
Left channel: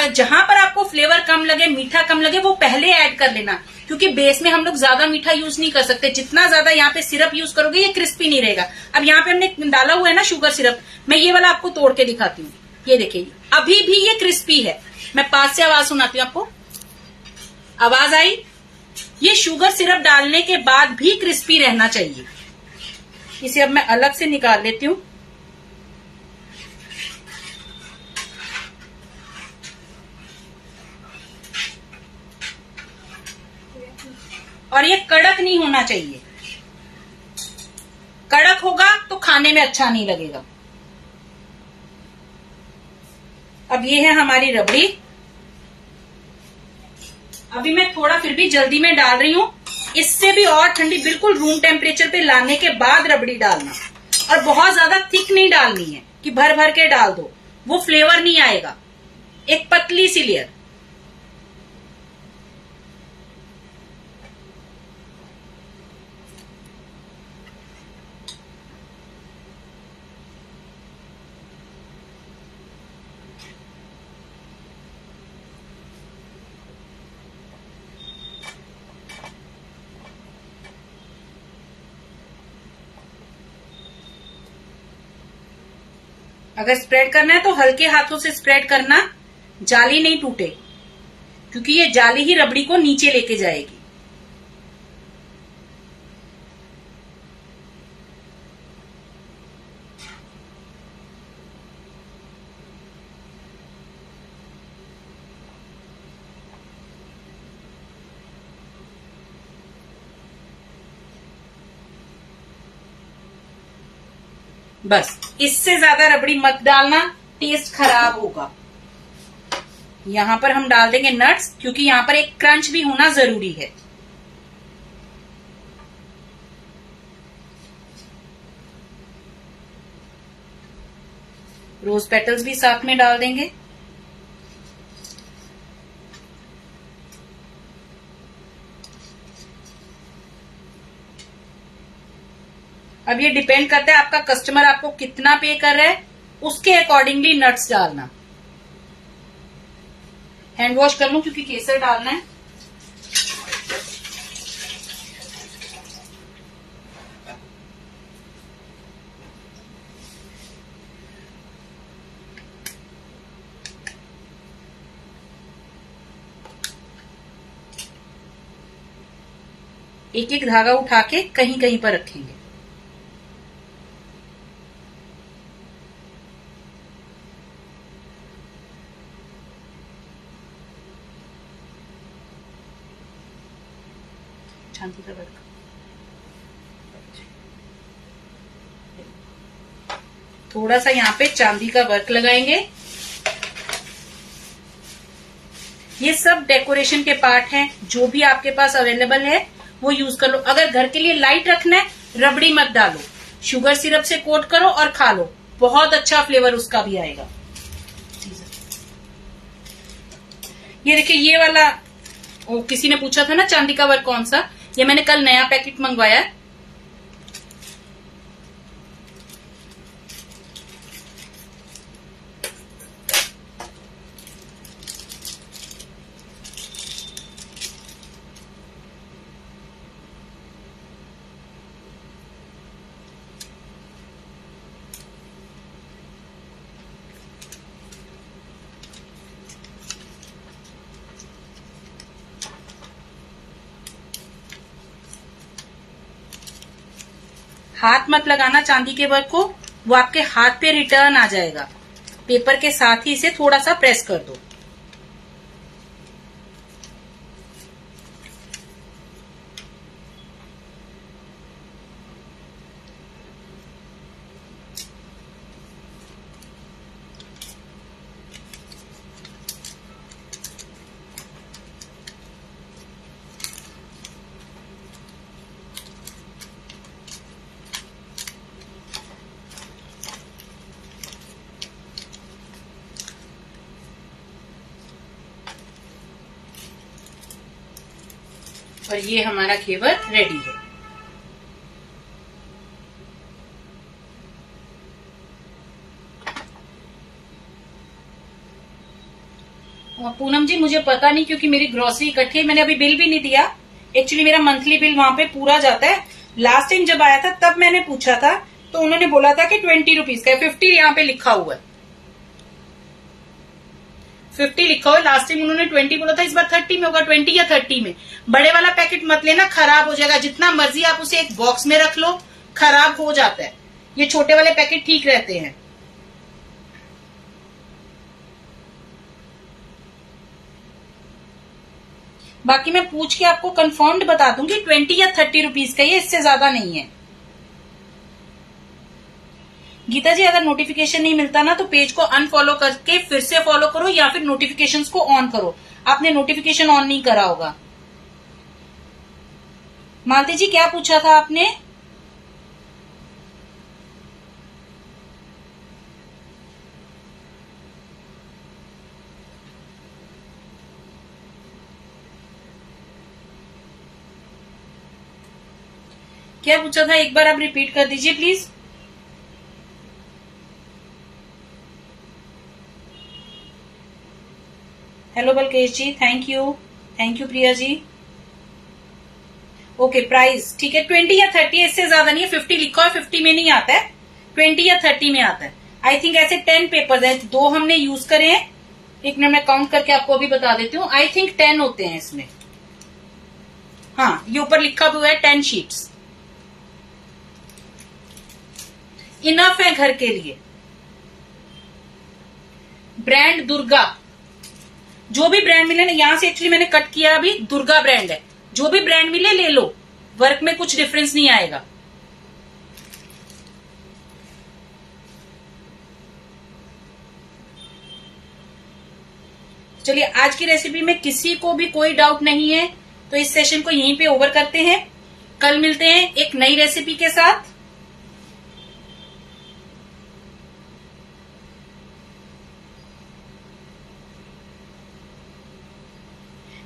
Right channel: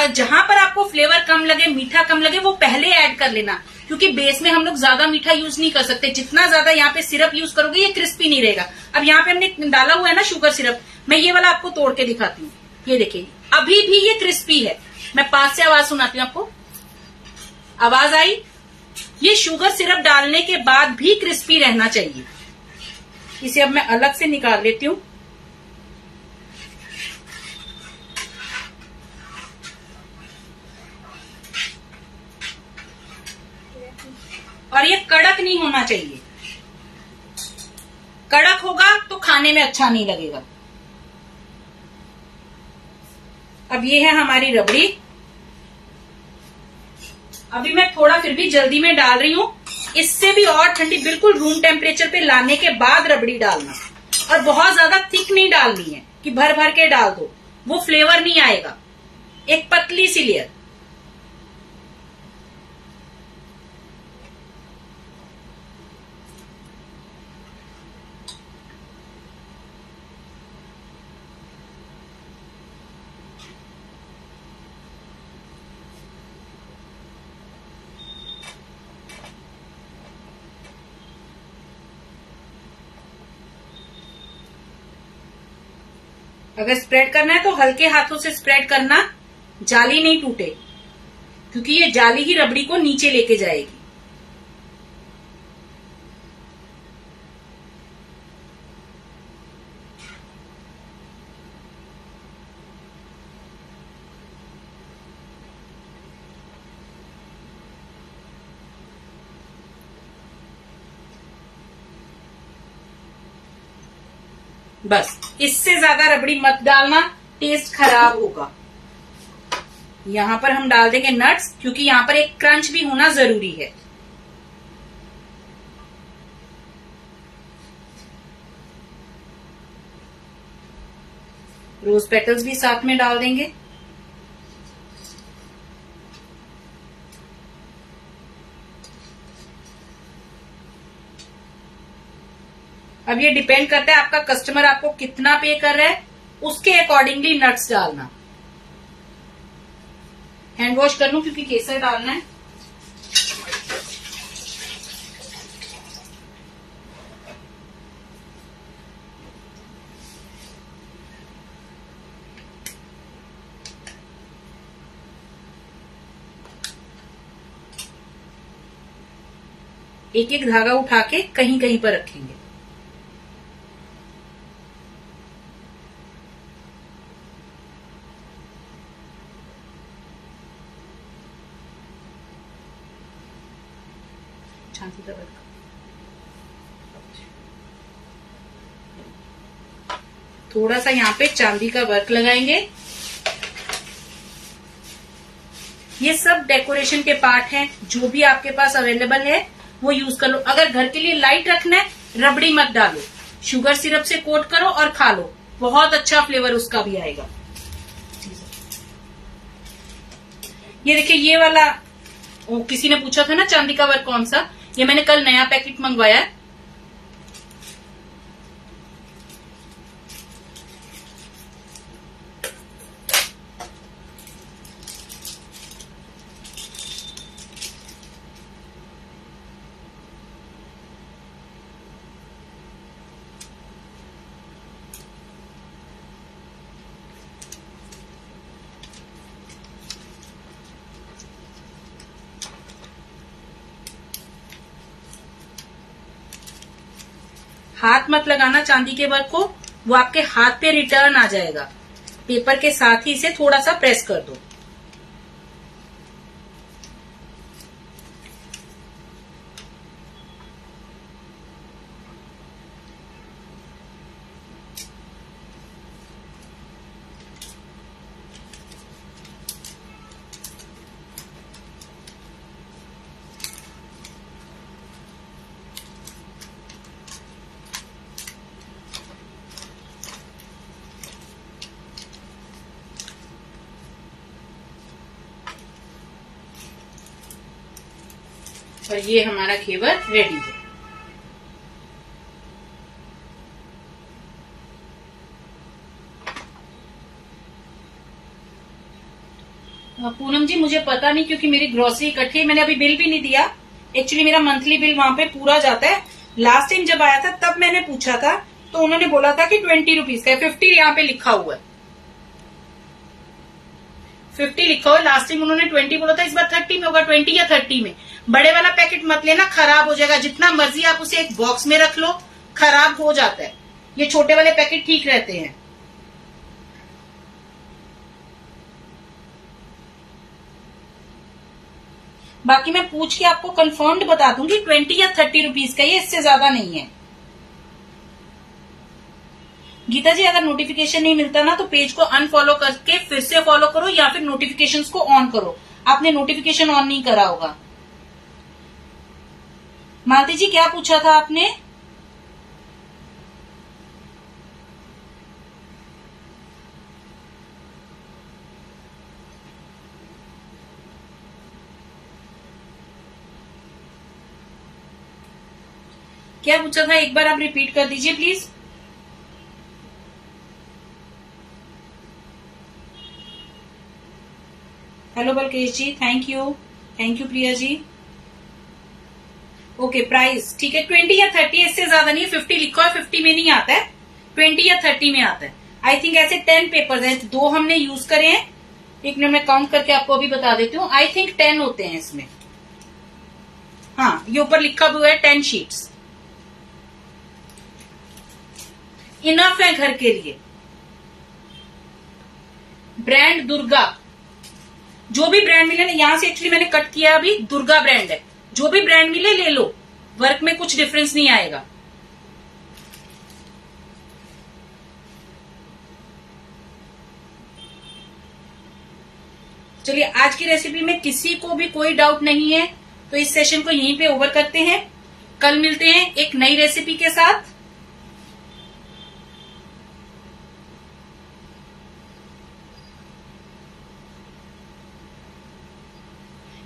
जहां पर आपको फ्लेवर कम लगे, मीठा कम लगे, वो पहले ऐड कर लेना, क्योंकि बेस में हम लोग ज्यादा मीठा यूज नहीं कर सकते। जितना ज्यादा यहाँ पे सिरप यूज करोगे ये क्रिस्पी नहीं रहेगा। अब यहाँ पे हमने डाला हुआ है ना शुगर सिरप, मैं ये वाला आपको तोड़ के दिखाती हूँ। ये देखिए अभी भी ये क्रिस्पी है। मैं पास से आवाज सुनाती हूँ आपको, आवाज आई? ये शुगर सिरप डालने के बाद भी क्रिस्पी रहना चाहिए। इसे अब मैं अलग से निकाल लेती हूँ। और ये कड़क नहीं होना चाहिए, कड़क होगा तो खाने में अच्छा नहीं लगेगा। अब ये है हमारी रबड़ी। अभी मैं थोड़ा फिर भी जल्दी में डाल रही हूँ, इससे भी और ठंडी, बिल्कुल रूम टेम्परेचर पे लाने के बाद रबड़ी डालना। और बहुत ज्यादा थिक नहीं डालनी है कि भर भर के डाल दो, वो फ्लेवर नहीं आएगा। एक पतली सी लेयर। अगर स्प्रेड करना है तो हल्के हाथों से स्प्रेड करना, जाली नहीं टूटे, क्योंकि ये जाली ही रबड़ी को नीचे लेके जाएगी। बस इससे ज्यादा रबड़ी मत डालना, टेस्ट खराब होगा। यहां पर हम डाल देंगे नट्स, क्योंकि यहां पर एक क्रंच भी होना जरूरी है। रोज पेटल्स भी साथ में डाल देंगे। अब ये डिपेंड करता है आपका कस्टमर आपको कितना पे कर रहा है, उसके अकॉर्डिंगली नट्स डालना। हैंड वॉश कर लूं क्योंकि केसर डालना है। एक एक धागा उठा के कहीं कहीं पर रखेंगे। थोड़ा सा यहाँ पे चांदी का वर्क लगाएंगे। ये सब डेकोरेशन के पार्ट हैं, जो भी आपके पास अवेलेबल है वो यूज कर लो। अगर घर के लिए लाइट रखना है, रबड़ी मत डालो, शुगर सिरप से कोट करो और खा लो, बहुत अच्छा फ्लेवर उसका भी आएगा। ये देखिए ये वाला, किसी ने पूछा था ना चांदी का वर्क कौन सा, ये मैंने कल नया पैकेट मंगवाया। हाथ मत लगाना चांदी के वर्क को, वो आपके हाथ पे रिटर्न आ जाएगा। पेपर के साथ ही इसे थोड़ा सा प्रेस कर दो। और ये हमारा घेवर रेडी है। पूनम जी मुझे पता नहीं, क्योंकि मेरी ग्रोसरी इकट्ठी है, मैंने अभी बिल भी नहीं दिया। एक्चुअली मेरा मंथली बिल वहां पे पूरा जाता है। लास्ट टाइम जब आया था तब मैंने पूछा था, तो उन्होंने बोला था कि 20 रुपीज का है। 50 यहाँ पे लिखा हुआ है, 50 लिखा हुआ है। लास्ट टाइम उन्होंने 20 बोला था, इस बार 30 में होगा, 20 या 30 में। बड़े वाला पैकेट मत लेना, खराब हो जाएगा। जितना मर्जी आप उसे एक बॉक्स में रख लो, खराब हो जाता है। ये छोटे वाले पैकेट ठीक रहते हैं। बाकी मैं पूछ के आपको कंफर्म्ड बता दूंगी 20 या 30 रुपीज का, ये इससे ज्यादा नहीं है। गीता जी अगर नोटिफिकेशन नहीं मिलता ना, तो पेज को अनफॉलो करके फिर से फॉलो करो, या फिर नोटिफिकेशंस को ऑन करो। आपने नोटिफिकेशन ऑन नहीं करा होगा। मालती जी क्या पूछा था आपने? क्या पूछा था, एक बार आप रिपीट कर दीजिए please. Hello Balkesh ji, thank you Priya ji. Okay price ठीक है, 20 या 30, इससे ज्यादा नहीं है। 50 लिखा है, 50 में नहीं आता है, 20 या 30 में आता है। आई थिंक ऐसे 10 पेपर है, 2 हमने यूज करे हैं। एक मिनट में काउंट करके आपको अभी बता देती हूँ। आई थिंक 10 होते हैं इसमें। हाँ, ये ऊपर लिखा हुआ है 10 शीट्स। इनफ है घर के लिए। ब्रांड दुर्गा, जो भी ब्रांड मिले ना, यहां से एक्चुअली मैंने कट किया, अभी दुर्गा ब्रांड है। जो भी ब्रांड मिले ले लो, वर्क में कुछ डिफरेंस नहीं आएगा। चलिए, आज की रेसिपी में किसी को भी कोई डाउट नहीं है, तो इस सेशन को यहीं पे ओवर करते हैं। कल मिलते हैं एक नई रेसिपी के साथ।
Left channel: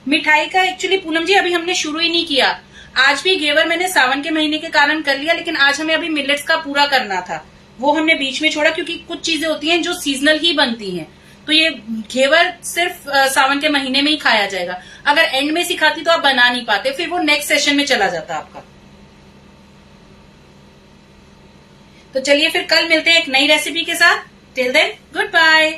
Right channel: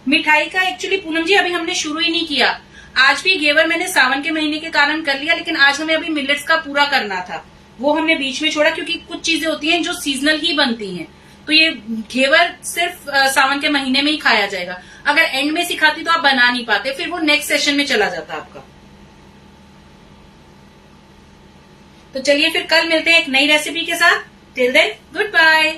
मिठाई का एक्चुअली पूनम जी अभी हमने शुरू ही नहीं किया। आज भी घेवर मैंने सावन के महीने के कारण कर लिया, लेकिन आज हमें अभी मिलेट्स का पूरा करना था, वो हमने बीच में छोड़ा, क्योंकि कुछ चीजें होती हैं जो सीजनल ही बनती हैं। तो ये घेवर सिर्फ सावन के महीने में ही खाया जाएगा। अगर एंड में सिखाती तो आप बना नहीं पाते, फिर वो नेक्स्ट सेशन में चला जाता आपका। तो चलिए फिर कल मिलते हैं एक नई रेसिपी के साथ। Till then good bye.